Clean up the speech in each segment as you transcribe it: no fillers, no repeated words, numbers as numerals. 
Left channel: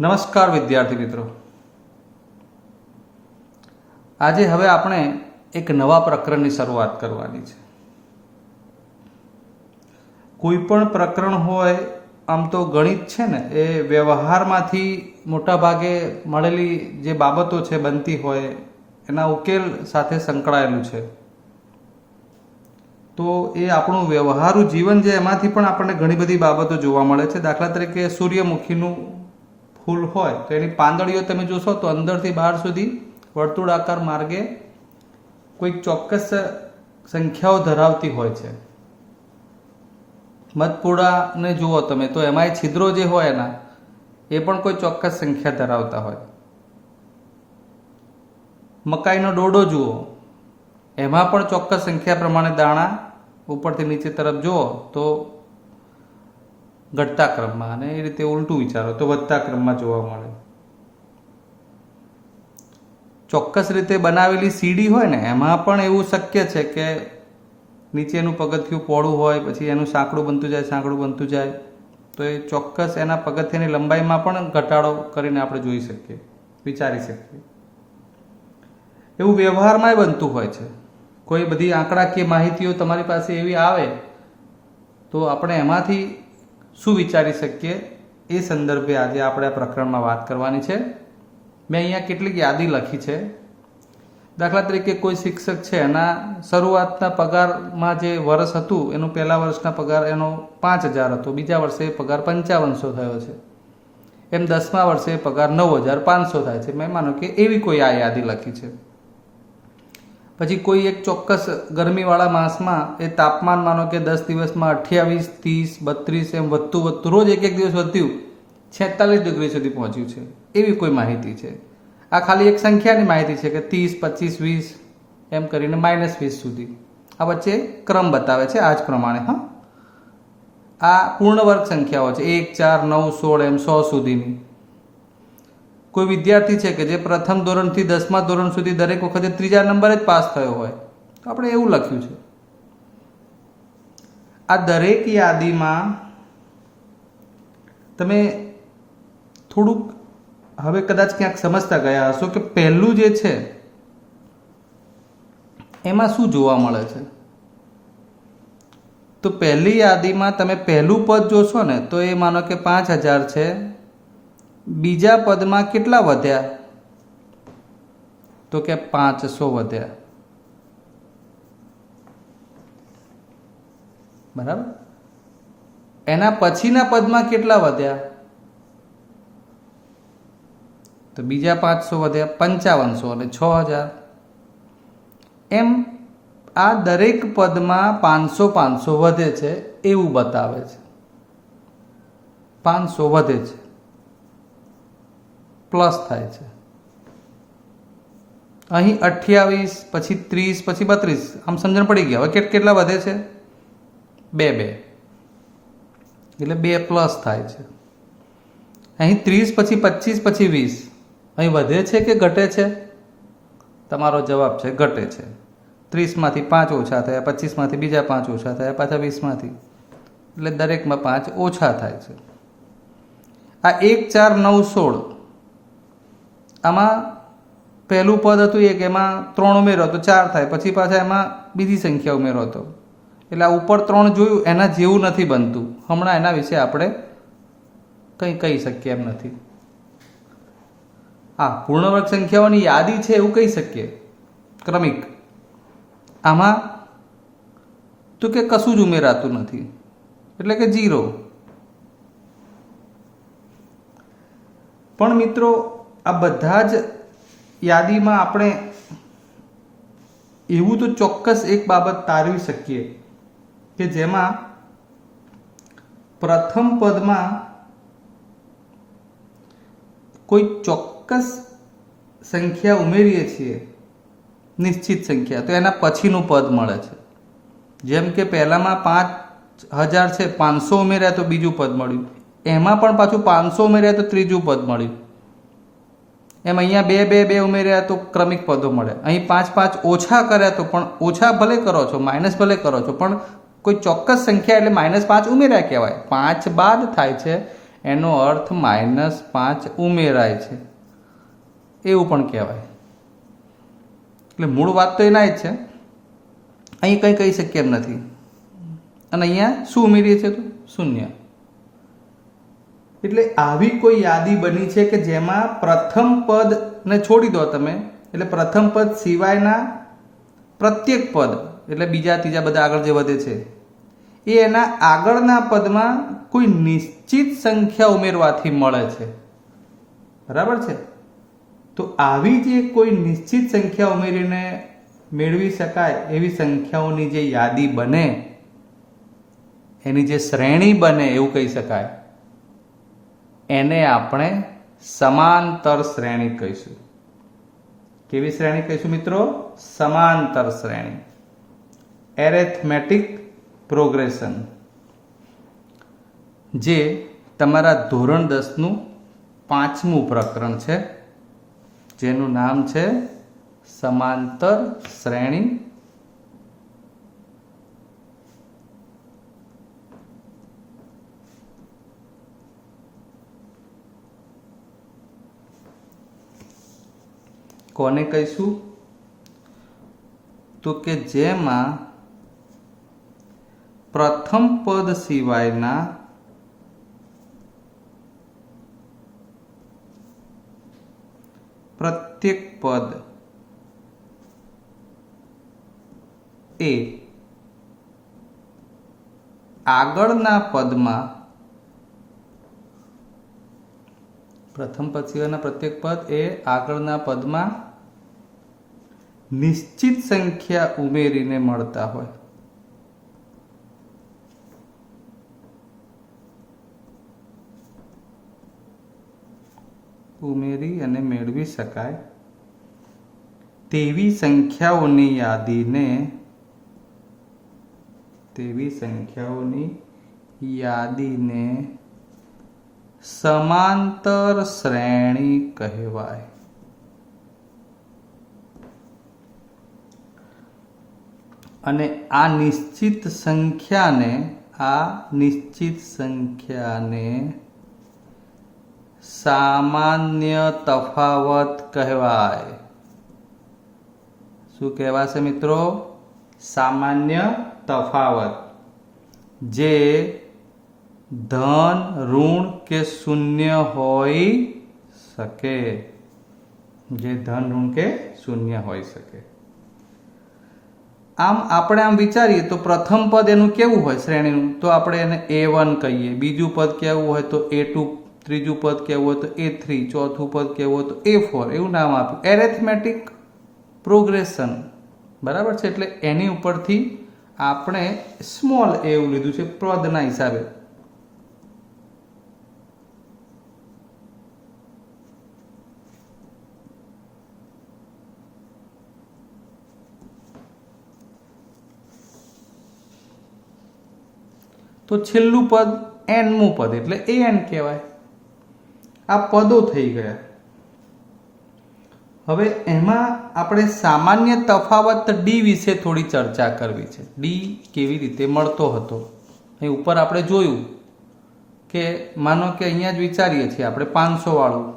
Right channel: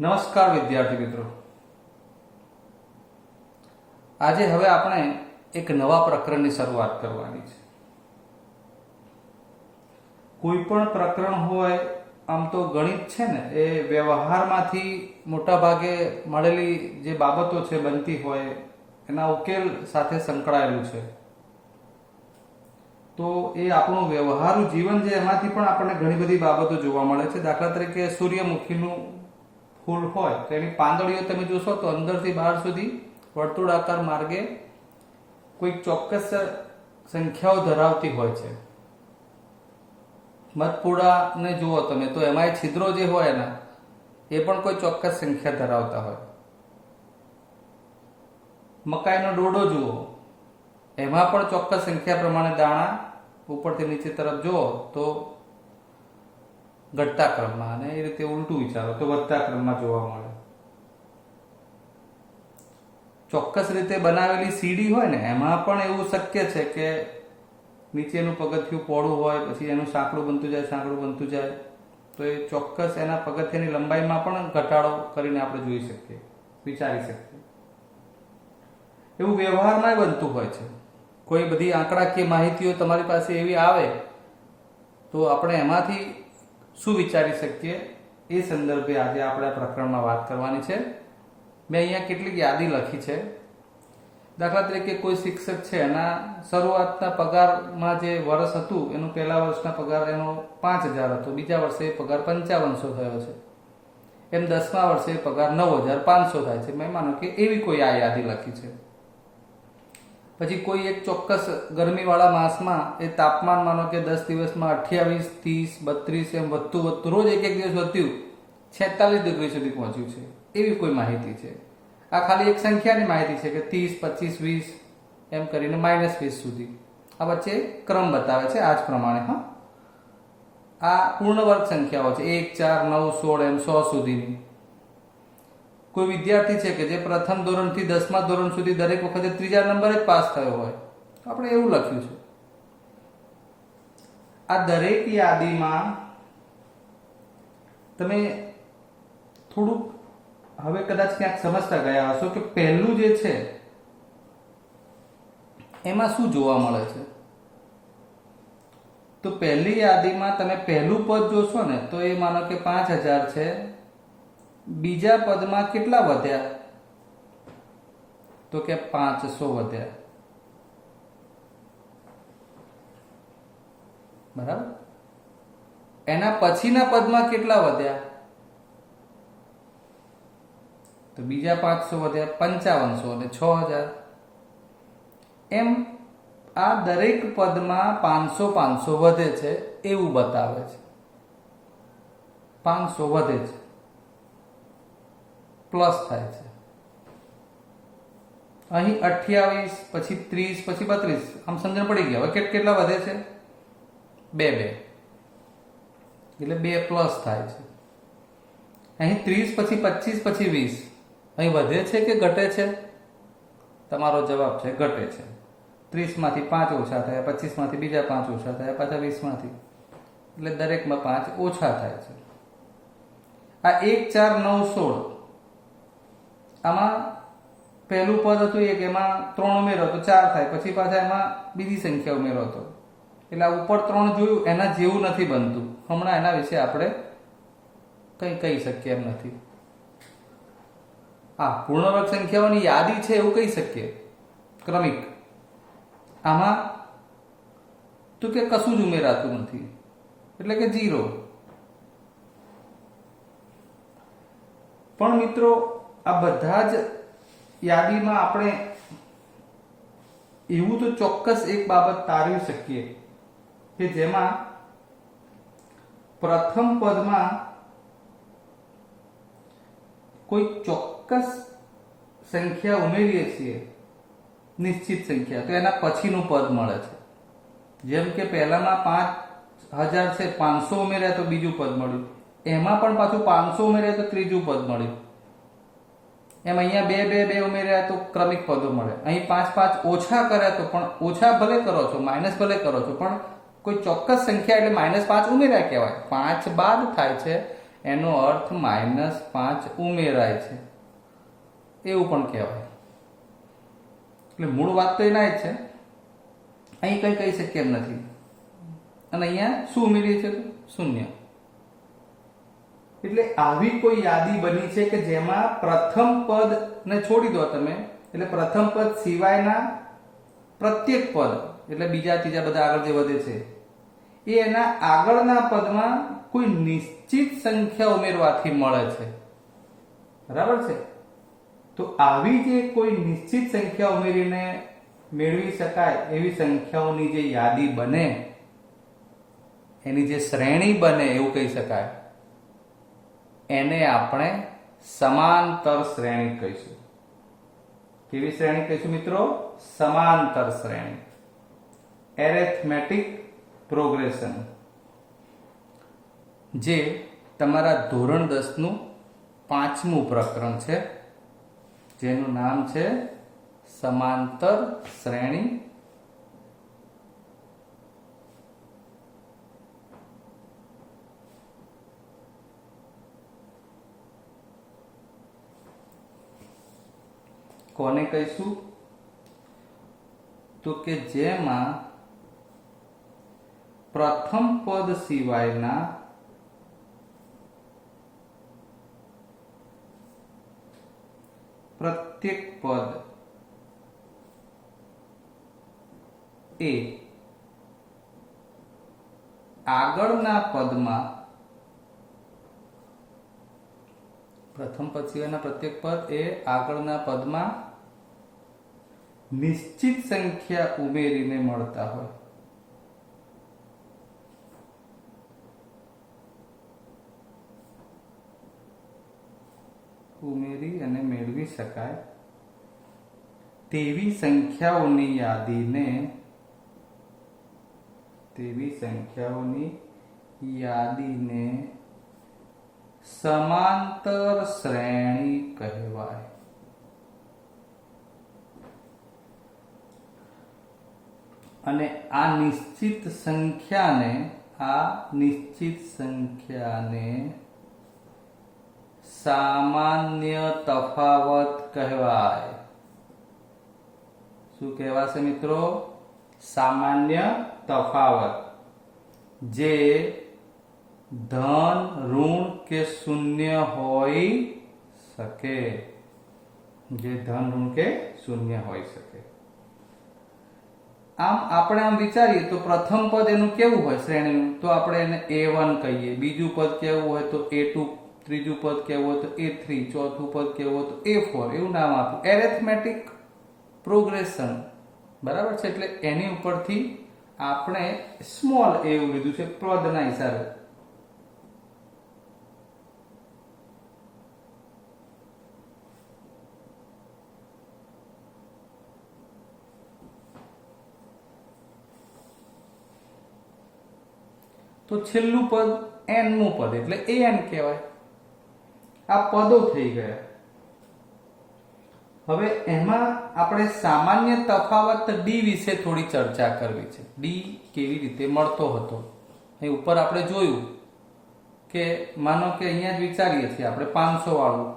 નમસ્કાર વિદ્યાર્થી મિત્રો, આજે હવે આપણે એક નવા પ્રકરણની શરૂઆત કરવાની છે. કોઈ પણ પ્રકરણ હોય, આમ તો ગણિત છે ને એ વ્યવહારમાંથી મોટા ભાગે મળેલી જે બાબતો છે બનતી હોય એના ઉકેલ સાથે સંકળાયેલું છે. તો એ આપણું વ્યવહારુ જીવન છે એમાંથી પણ આપણને ઘણી બધી બાબતો જોવા મળે છે. દાખલા તરીકે સૂર્યમુખીનું ફૂલ હોય તો એની પાંદડીઓ તમે જોશો તો અંદરથી બહાર સુધી વર્તુળાકાર માર્ગે કોઈક ચોક્કસ સંખ્યાઓ ધરાવતી હોય છે. મધપૂડાને જુઓ તમે તો એમાં છિદ્રો જે હોય એના એ પણ કોઈ ચોક્કસ સંખ્યા ધરાવતા હોય. મકાઈનો ડોડો જુઓ, એમાં પણ ચોક્કસ સંખ્યા પ્રમાણે દાણા ઉપરથી નીચે તરફ જુઓ તો ઘટતા ક્રમમાં, અને એ રીતે ઉલટું વિચારો તો વધતા ક્રમમાં જોવા મળે. ચોક્કસ રીતે બનાવેલી સીડી હોય ને એમાં પણ એવું શક્ય છે કે નીચેનું પગથિયું પહોળું હોય, પછી એનું સાંકડું બનતું જાય તો એ ચોક્કસ એના પગથિયાની લંબાઈમાં પણ ઘટાડો કરીને આપણે જોઈ શકીએ, વિચારી શકીએ. એવું વ્યવહારમાં બનતું હોય છે. કોઈ બધી આંકડાકીય માહિતીઓ તમારી પાસે એવી આવે તો આપણે એમાંથી શું વિચારી શકીએ એ સંદર્ભે આજે આપણે આ પ્રકરણમાં વાત કરવાની છે. મેં અહીંયા કેટલીક યાદી લખી છે. દાખલા તરીકે કોઈ શિક્ષક છે, એના શરૂઆતના પગારમાં જે વર્ષ હતું એનું પહેલા વર્ષના પગાર એનો 5,000 હતો, બીજા વર્ષે એ પગાર 5500 થયો છે, એમ 10મા વર્ષે પગાર 9,500 થાય છે. મેં માનો કે એવી કોઈ આ યાદી લખી છે. પછી કોઈ એક ચોક્કસ ગરમીવાળા માસમાં એ તાપમાન માનો કે 10 દિવસમાં 28, 30, 32 એમ વધતું રોજ એક દિવસ વધ્યું 46 ડિગ્રી સુધી પહોંચ્યું છે, એવી કોઈ માહિતી છે. આ ખાલી એક સંખ્યાની માહિતી છે કે 30, 25, 20 એમ કરીને -20 સુધી આ વચ્ચે ક્રમ બતાવે છે. આ જ પ્રમાણે આ પૂર્ણ વર્ગ સંખ્યાઓ છે, 1, 4, 9, 16 એમ 100 સુધીની. કોઈ વિદ્યાર્થી છે કે જે પ્રથમ ધોરણથી 10મા ધોરણ સુધી દરેક વખતે ત્રીજા નંબરે જ પાસ થયો હોય તો આપણે એવું લખ્યું છે. આ દરેક યાદીમાં તમે થોડુંક હવે કદાચ ક્યાંક સમજતા ગયા હશો કે પહેલું જે છે એમાં શું જોવા મળે છે. તો પહેલી યાદીમાં તમે પહેલું પદ જોશો ને તો એ માનો કે 5,000 છે. બીજા પદમાં કેટલા વધ્યા તો કે 500 વધ્યા, બરાબર. એના પછીના પદમાં કેટલા વધ્યા તો બીજા 500 વધ્યા, 5500 અને 6,000 એમ આ દરેક પદમાં 500 વધે છે એવું બતાવે છે. 500 વધે છે, પ્લસ થાય છે. અહીં 28, પછી 30, પછી 32, આમ સમજણ પડી ગયા. હવે કેટલા વધે છે? 2 એટલે 2 પ્લસ થાય છે. અહીં 30, પછી 25, પછી 20 અહીં વધે છે કે ઘટે છે? તમારો જવાબ છે ઘટે છે. 30માંથી 5 ઓછા થયા, 25માંથી બીજા 5 ઓછા થયા, પાછા 20માંથી, એટલે દરેકમાં 5 ઓછા થાય છે. આ 1, 4, 9, 16 આમાં પહેલું પદ હતું એક, એમાં 3 ઉમેરો તો 4 થાય, પછી પાછા એમાં બીજી સંખ્યા ઉમેરો તો, એટલે આ ઉપર 3 જોયું એના જેવું નથી બનતું. હમણાં એના વિશે આપણે કંઈ કહી શકીએ એમ નથી. પૂર્ણવર્ગ સંખ્યાઓની યાદી છે એવું કહી શકીએ, ક્રમિક. આમાં તો કે કશું જ ઉમેરાતું નથી, એટલે કે 0. પણ મિત્રો આ બધા જ યાદીમાં આપણે એવું તો ચોક્કસ એક બાબત તારવી શકીએ કે જેમાં પ્રથમ પદમાં કોઈ ચોક્કસ સંખ્યા ઉમેરીએ છીએ, નિશ્ચિત સંખ્યા, તો એના પછીનું પદ મળે છે. જેમ કે પહેલામાં 5,000 છે, 500 ઉમેર્યા તો બીજું પદ મળ્યું, એમાં પણ પાછું 500 ઉમેર્યા તો ત્રીજું પદ મળ્યું. એમ અહીંયા 2 ઉમેર્યા તો ક્રમિક પદો મળે. અહીં 5 ઓછા કર્યા તો પણ ઓછા ભલે કરો છો, માઇનસ ભલે કરો છો, પણ કોઈ ચોક્કસ સંખ્યા એટલે -5 ઉમેર્યા કહેવાય. 5 બાદ થાય છે એનો અર્થ -5 ઉમેરાય છે એવું પણ કહેવાય. એટલે મૂળ વાત તો એના જ છે, અહીં કંઈ કહી શકીએ એમ નથી. અને અહીંયા શું ઉમેરીએ છીએ તો શૂન્ય. એટલે આવી કોઈ યાદી બની છે કે જેમાં પ્રથમ પદને છોડી દો તમે, એટલે પ્રથમ પદ સિવાયના પ્રત્યેક પદ એટલે બીજા ત્રીજા બધા આગળ જે વધે છે એ એના આગળના પદમાં કોઈ નિશ્ચિત સંખ્યા ઉમેરવાથી મળે છે. બરાબર છે? તો આવી જે કોઈ નિશ્ચિત સંખ્યા ઉમેરીને મેળવી શકાય એવી સંખ્યાઓની જે યાદી બને, એની જે શ્રેણી બને એવું કહી શકાય, એને આપણે સમાંતર શ્રેણી કહીશું. કેવી શ્રેણી કહીશું મિત્રો? સમાંતર શ્રેણી, એરેથમેટિક પ્રોગ્રેશન, જે તમારા ધોરણ 10નું 5મું પ્રકરણ છે, જેનું નામ છે સમાંતર શ્રેણી. કોને કહીશું? તો કે જેમાં પ્રથમ પદ સિવાયના પ્રત્યેક પદ એ આગળના પદમાં, પ્રથમ પદ સિવાયના પ્રત્યેક પદ એ આગળના પદમાં નિશ્ચિત સંખ્યા ઉમેરીને મળતા હોય. ઉમેરી અને મેળવી શકાય તેવી સંખ્યાઓની યાદીને સમાંતર શ્રેણી કહેવાય. અને આ નિશ્ચિત સંખ્યાને સામાન્ય તફાવત કહેવાય. શું કહેવાશે મિત્રો? સામાન્ય તફાવત, જે ધન, ઋણ કે શૂન્ય હોઈ શકે. આમ આપણે આમ વિચારીએ તો પ્રથમ પદ એનું કેવું હોય શ્રેણીનું? તો આપણે એને A1 કહીએ. બીજું પદ કેવું હોય તો A2, ત્રીજું પદ કેવું હોય તો A3, ચોથું પદ કેવું હોય તો A4, એવું નામ આપ્યું. Arithmetic progression. બરાબર છે? એટલે એની ઉપરથી આપણે સ્મોલ a એવું લીધું છે પદના હિસાબે. તો છેલ્લું પદ nમું પદ એટલે an કહેવાય. આ પદો થઈ ગયા. હવે એમાં આપણે સામાન્ય તફાવત d વિશે થોડી ચર્ચા કરવી છે. d કેવી રીતે મળતો હતો? અહીં ઉપર આપણે જોયું કે માનો કે અહીંયા જ વિચારીએ છીએ આપણે 500 વાળું,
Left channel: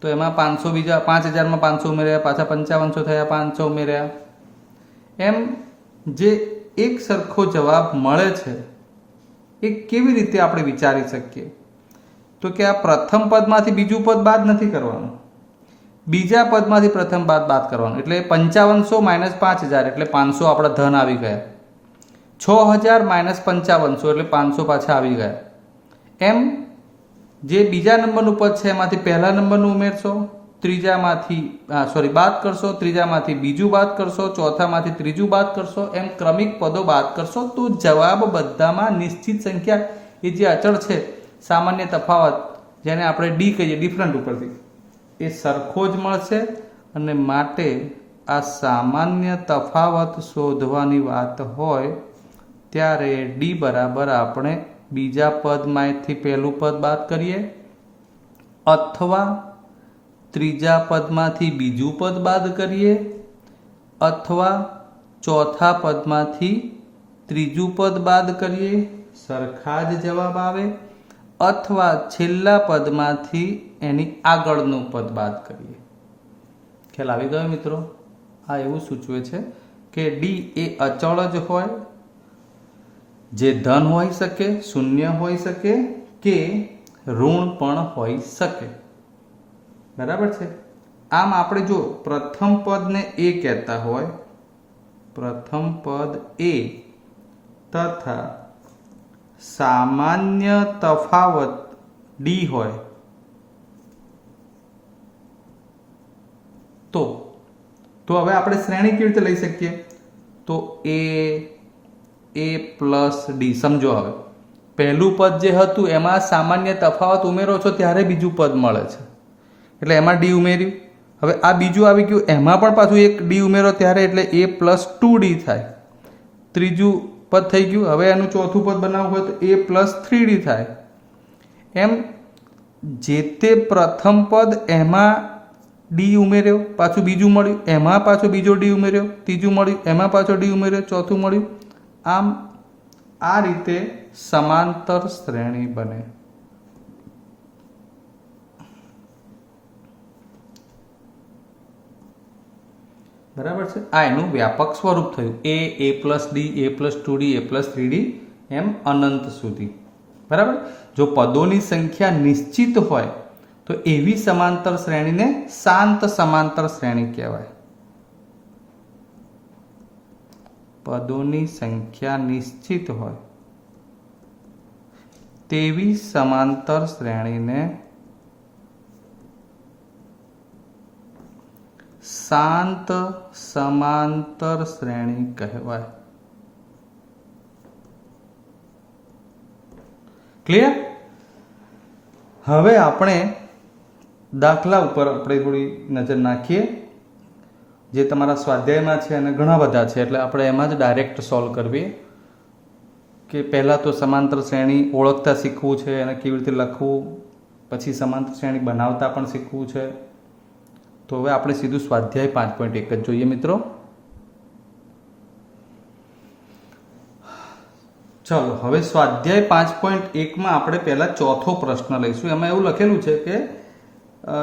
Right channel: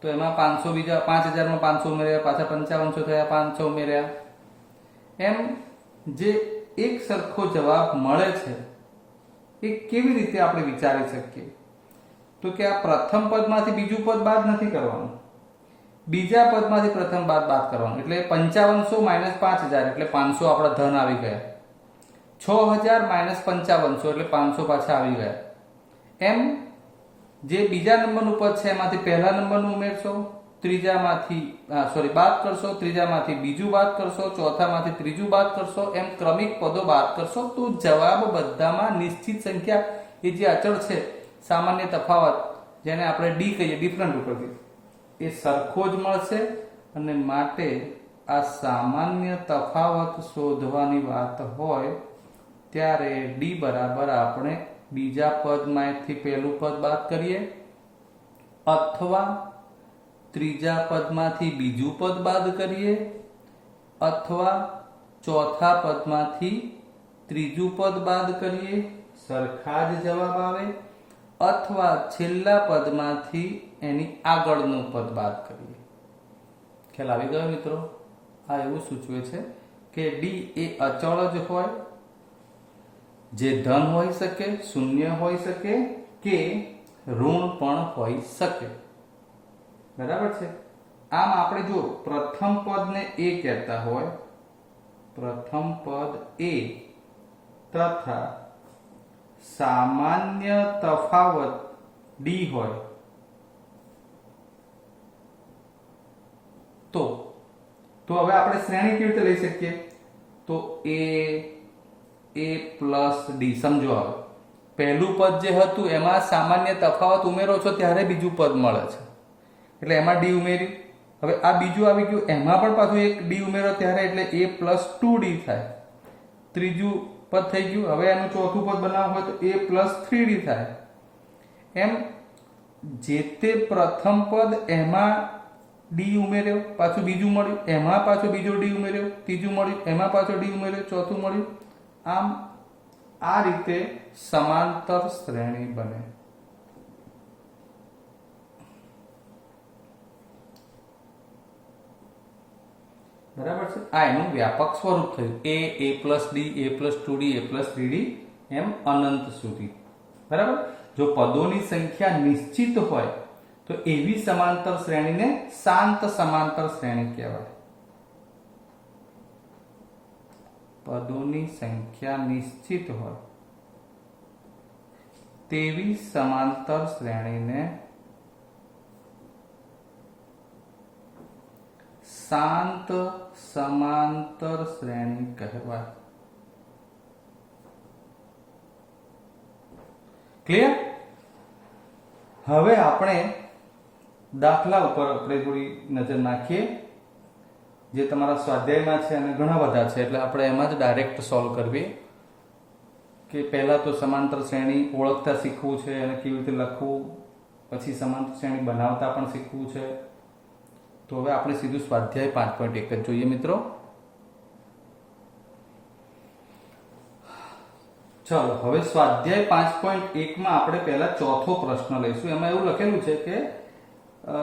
તો એમાં 500 બીજા 5000માં 500 ઉમેર્યા, પાછા 5500 થયા, 500 ઉમેર્યા, એમ જે એક સરખો જવાબ મળે છે એ કેવી રીતે આપણે વિચારી શકીએ? તો કે આ પ્રથમ પદમાંથી બીજું પદ બાદ નથી કરવાનું, બીજા પદમાંથી પ્રથમ પદ બાદ કરવાનું. એટલે 5500 - 5000 એટલે 500 આપણા ધન આવી ગયા. 6000 - 5500 એટલે 500 પાછા આવી ગયા. એમ જે બીજા નંબરનું પદ છે એમાંથી પહેલા નંબરનું ઉમેરશો, બાદ કરશો, ત્રીજામાંથી બીજું બાદ કરશો, ચોથામાંથી ત્રીજું બાદ કરશો, એમ ક્રમિક પદો બાદ કરશો તો જવાબ બધામાં નિશ્ચિત સંખ્યા, એ જે અચળ છે સામાન્ય તફાવત, જેને આપણે ડી કહીએ, ડિફરન્ટ ઉપરથી, એ સરખો જ મળશે. અને માટે આ સામાન્ય તફાવત શોધવાની વાત હોય ત્યારે ડી બરાબર આપણે બીજા પદમાંથી પહેલું પદ બાદ કરીએ, અથવા ત્રીજા પદમાંથી બીજું પદ બાદ કરીએ, અથવા ચોથા પદમાંથી ત્રીજું પદ બાદ કરીએ, સરખા જ જવાબ આવે. અથવા છેલ્લા પદમાંથી એની આગળનું પદ બાદ કરીએ. ખ્યાલ આવી ગયો મિત્રો? આ એવું સૂચવે છે કે ડી એ અચળ જ હોય, જે ધન હોઈ શકે, શૂન્ય હોઈ શકે કે ઋણ પણ હોઈ શકે. બરાબર છે? આમ આપણે જો પ્રથમ પદને એ કહેતા હોય, પ્રથમ પદ એ તથા સામાન્ય તફાવત ડી હોય તો હવે આપણે શ્રેણી કેવી રીતે લઈ શકીએ? તો એ પ્લસ ડી. સમજો, હવે પહેલું પદ જે હતું એમાં સામાન્ય તફાવત ઉમેરો છો ત્યારે બીજું પદ મળે છે, એટલે એમાં ડી ઉમેર્યું. હવે આ બીજું આવી ગયું, એમાં પણ પાછું એક ડી ઉમેરો ત્યારે, એટલે એ પ્લસ 2d થાય. ત્રીજું પદ થઈ ગયું. હવે એનું ચોથું પદ બનાવવું હોય તો એ પ્લસ 3d થાય. એમ જે તે પ્રથમ પદ એમાં ડી ઉમેર્યો, પાછું બીજું મળ્યું, એમાં પાછો બીજો ડી ઉમેર્યો, ત્રીજું મળ્યું, એમાં પાછો ડી ઉમેર્યો, ચોથું મળ્યું. આમ આ રીતે સમાંતર શ્રેણી બને. બરાબર છે? આ એનું વ્યાપક સ્વરૂપ થયું. એ પ્લસ ડી, એ પ્લસ 2d, એ પ્લસ 3d એમ અનંત સુધી. બરાબર? જો પદોની સંખ્યા નિશ્ચિત હોય તો એવી સમાંતર શ્રેણીને શાંત સમાંતર શ્રેણી કહેવાય. પદોની સંખ્યા નિશ્ચિત હોય તેવી સમાંતર શ્રેણીને શાંત સમાંતર શ્રેણી કહેવાય. ક્લિયર? હવે આપણે દાખલા ઉપર આપણે થોડી નજર નાખીએ, જે તમારા સ્વાધ્યાયમાં છે અને ઘણા બધા છે, એટલે આપણે એમાં જ ડાયરેક્ટ સોલ્વ કરવી. કે પહેલાં તો સમાંતર શ્રેણી ઓળખતા શીખવું છે અને કેવી રીતે લખવું, પછી સમાંતર શ્રેણી બનાવતા પણ શીખવું છે. તો હવે આપણે સીધું સ્વાધ્યાય 5.1 જ જોઈએ મિત્રો. ચલો, હવે સ્વાધ્યાય 5.1 આપણે પહેલા ચોથો પ્રશ્ન લઈશું. એમાં એવું લખેલું છે કે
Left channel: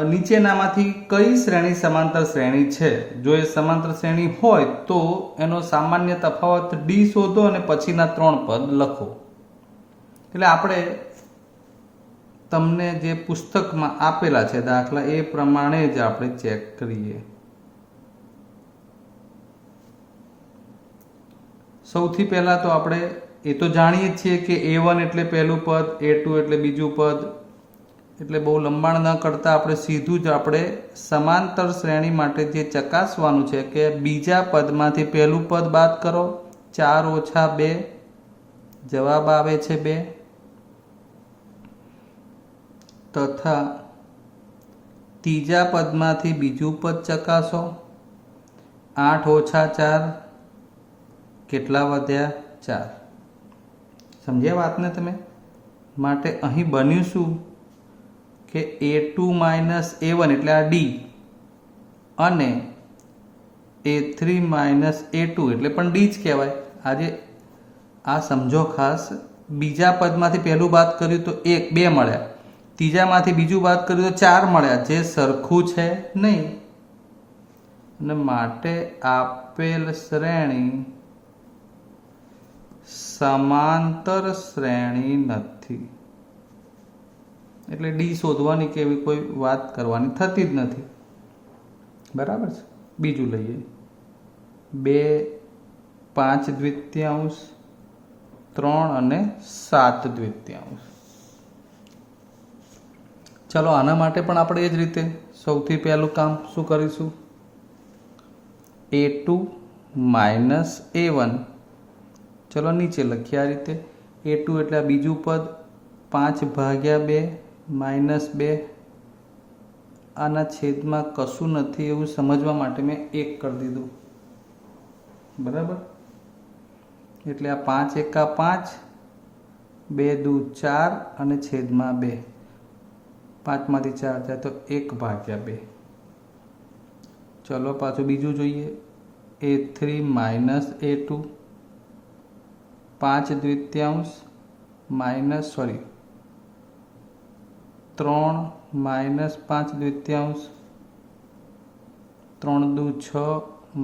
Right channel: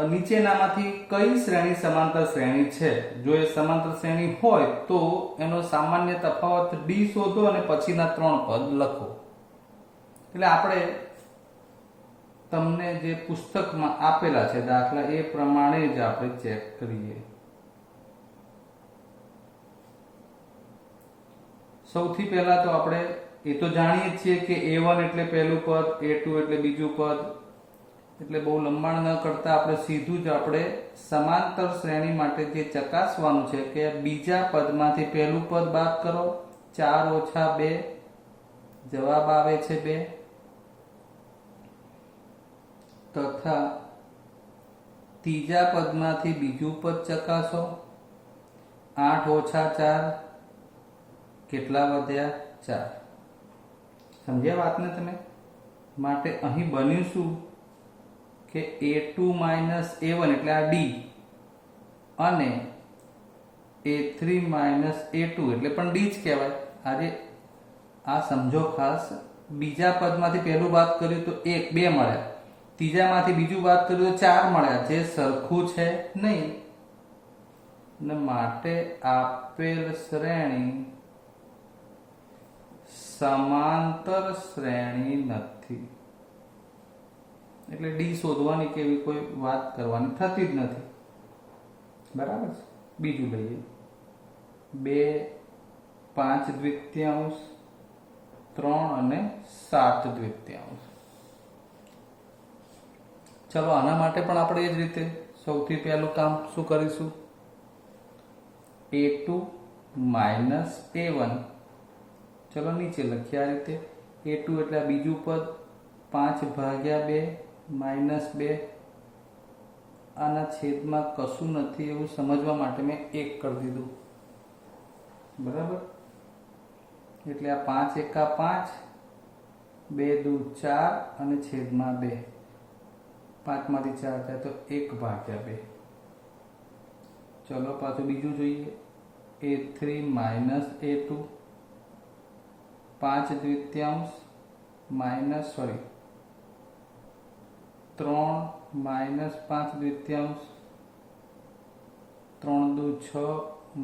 નીચેનામાંથી કઈ શ્રેણી સમાંતર શ્રેણી છે? જો એ સમાંતર શ્રેણી હોય તો એનો સામાન્ય તફાવત ડી શોધો અને પછીના 3 પદ લખો. એટલે આપણે તમને જે પુસ્તકમાં આપેલા છે દાખલા એ પ્રમાણે જ આપણે ચેક કરીએ. સૌથી પહેલા તો આપણે એ તો જાણીએ છીએ કે a1 એટલે પહેલું પદ, a2 એટલે બીજું પદ. એટલે બહુ લંબાણ ન કરતા આપણે સીધું જ આપણે સમાંતર શ્રેણી માટે જે ચકાસવાનું છે કે બીજા પદમાંથી પહેલું પદ બાદ કરો, 4 ઓછા 2, જવાબ આવે છે 2. તથા ત્રીજા પદમાંથી બીજું પદ ચકાસો, 8 ઓછા 4, કેટલા વધ્યા? 4. સમજ્યા વાતને તમે? માટે અહીં બન્યું શું કે a2 માઇનસ a1 એટલે આ ડી અને a3 માઇનસ a2 એટલે પણ ડી જ કહેવાય. આજે આ સમજો ખાસ, બીજા પદમાંથી પહેલું બાદ કર્યું તો 2 મળ્યા, ત્રીજામાંથી બીજું બાદ કર્યું તો 4 મળ્યા, જે સરખું છે નહીં. અને માટે આપેલ શ્રેણી સમાંતર શ્રેણી નથી. એટલે ડી શોધવાની કે એવી કોઈ વાત કરવાની થતી જ નથી. બરાબર છે? બીજું લઈએ. 2, 5 દ્વિતીયાંશ, 3 અને 7 દ્વિતીયાંશ. ચલો, આના માટે પણ આપણે એ જ રીતે સૌથી પહેલું કામ શું કરીશું? a2 minus a1. ચલો નીચે લખીએ આ રીતે. a2 એટલે આ બીજું પદ, 5 ભાગ્યા 2 માઇનસ 2. આના છેદમાં કશું નથી એવું સમજવા માટે મેં 1 કરી દીધું. બરાબર? એટલે આ 5 એકા 5, 2 દુ 4 અને છેદમાં 2. 5 માંથી 4 જાય તો 1 ભાગ્યા 2. ચલો પાછું બીજું જોઈએ. a3 માઇનસ a2, 5 દ્વિતીયાંશ માઇનસ 3 માઇનસ 5 દ્વિતીયાંશ, 3 દુ 6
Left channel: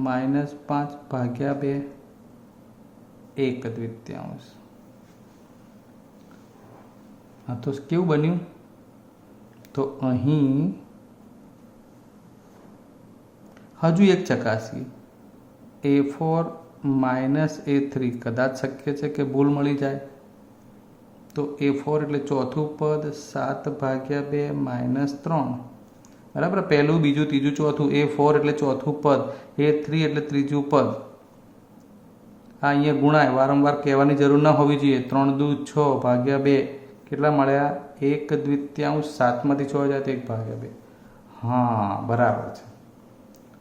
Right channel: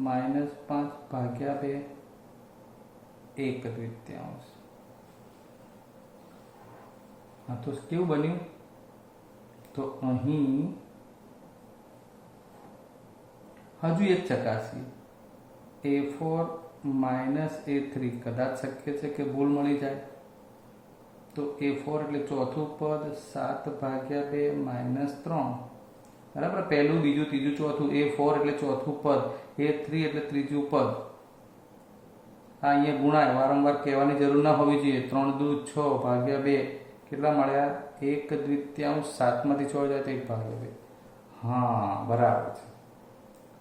માઇનસ 5 ભાગ્યા 2 1 દ્વિતીયાંશ. હા, તો કેવું બન્યું? તો અહીં હજુ એક ચકાસીએ, A4 માઇનસ A3 કદાચ શક્ય છે કે ભૂલ મળી જાય. તો A4 એટલે ચોથું પદ, 7 ભાગ્યા 2 માઇનસ 3, બરાબર. પહેલું, બીજું, ત્રીજું, ચોથું. A4 એટલે ચોથું પદ, A3 એટલે ત્રીજું પદ. આ અહીંયા ગુણાય, વારંવાર કહેવાની જરૂર ન હોવી જોઈએ. 3 દુ 6 ભાગ્યા 2 કેટલા મળ્યા? 1 દ્વિતીયાંશ. 7 માંથી 6 જાય તો 1 ભાગ્યા 2. હા, બરાબર છે.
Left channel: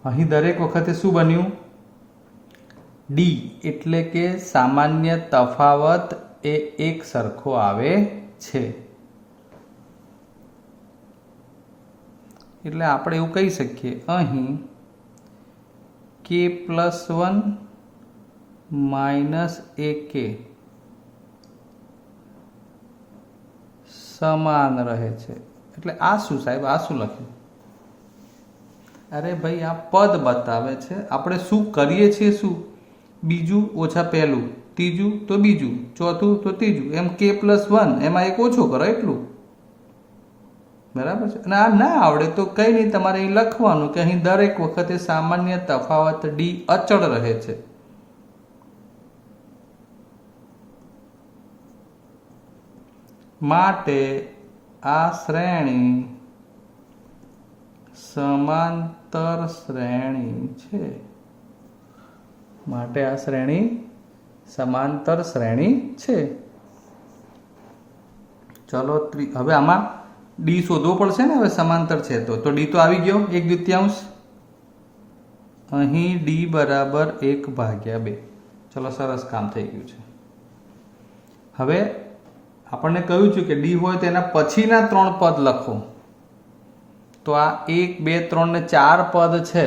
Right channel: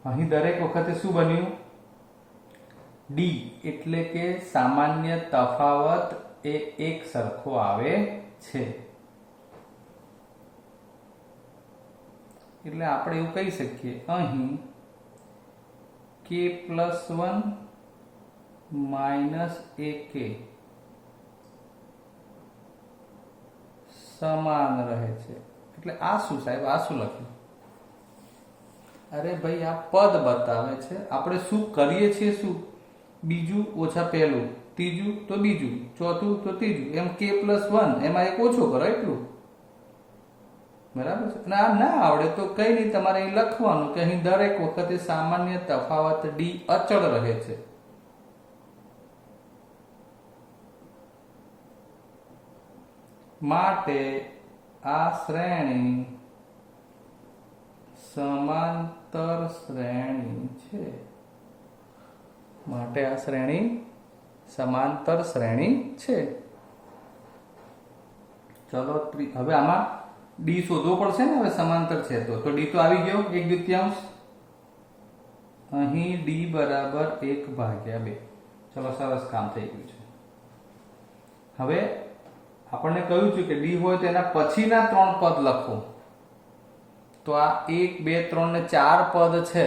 અહીં દરેક વખતે શું બન્યું? ડી એટલે કે સામાન્ય તફાવત એ એક સરખો આવે છે. એટલે આપણે એવું કહી શકીએ, અહીં k+1 માઇનસ AK સમાન રહે છે. એટલે આ શું સાહેબ? આ શું લખ્યું? અરે ભાઈ, આ પદ બતાવે છે. આપણે શું કરીએ છીએ? શું? બીજું ઓછા પહેલું, ત્રીજું તો બીજું, ચોથું તો ત્રીજું, એમ k+1, એમાં એક ઓછો કરો એટલું. બરાબર છે. અને આ ના આવડે તો કંઈ નહીં, તમારે અહીં લખવાનું કે અહીં દરેક વખતે સામાન્ય તફાવત ડી અચળ રહે છે. માટે આ શ્રેણી સમાંતર શ્રેણી છે. માટે આ શ્રેણી સમાંતર શ્રેણી છે. ચલો, હવે આમાં ડી શોધવો પડશે ને. હવે સમાંતર છે તો ડી તો આવી ગયો, 1 દ્વિતીયાંશ. અહીં ડી બરાબર 1 ભાગ્યા 2. ચલો, સરસ કામ થઈ ગયું છે. હવે આપણને કહ્યું છે કે ડી હોય તો એના પછીના 3 પદ લખો. તો આ 1, 2, 3 ને 4 પદ છે.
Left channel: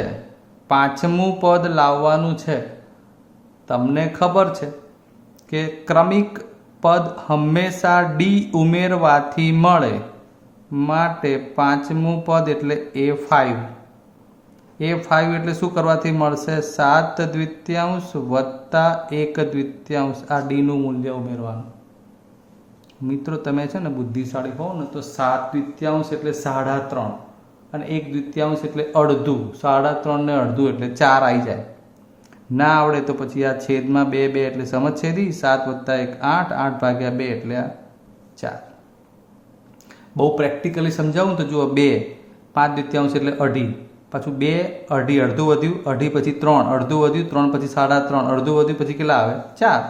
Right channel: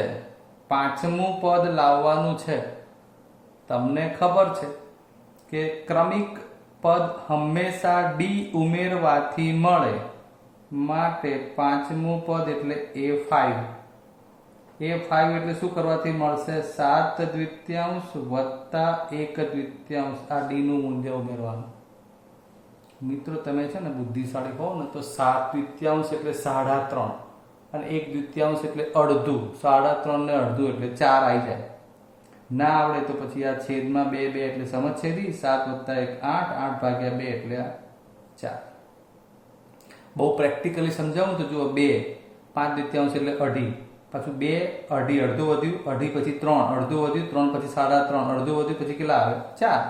5મું પદ લાવવાનું છે. તમને ખબર છે કે ક્રમિક પદ હંમેશા ડી ઉમેરવાથી મળે. માટે 5મું પદ એટલે A5. A5 એટલે શું કરવાથી મળશે? 7 દ્વિતીયાંશ વત્તા 1 દ્વિતીયાંશ. આ ડી નું મૂલ્ય ઉમેરવાનું. મિત્રો, તમે છે ને બુદ્ધિશાળી હોવ ને તો 7 દ્વિતીયાંશ એટલે 3.5 અને 1 દ્વિતીયાંશ એટલે અડધું. 3.5 ને અડધું એટલે 4 આવી જાય. ના આવડે તો પછી આ છેદમાં 2 2 એટલે સમછેદી. 7 વત્તા 1 8, 8 ભાગ્યા 2 એટલે આ 4. બહુ પ્રેક્ટિકલી સમજાવું તો જુઓ, 2 5 દ્વિતીયાંશ એટલે અઢી, પાછું 2 અઢી, અડધું વધ્યું, અઢી પછી 3, અડધું વધ્યું, 3 પછી 3.5, અડધું વધ્યું, પછી કેટલા આવે? 4.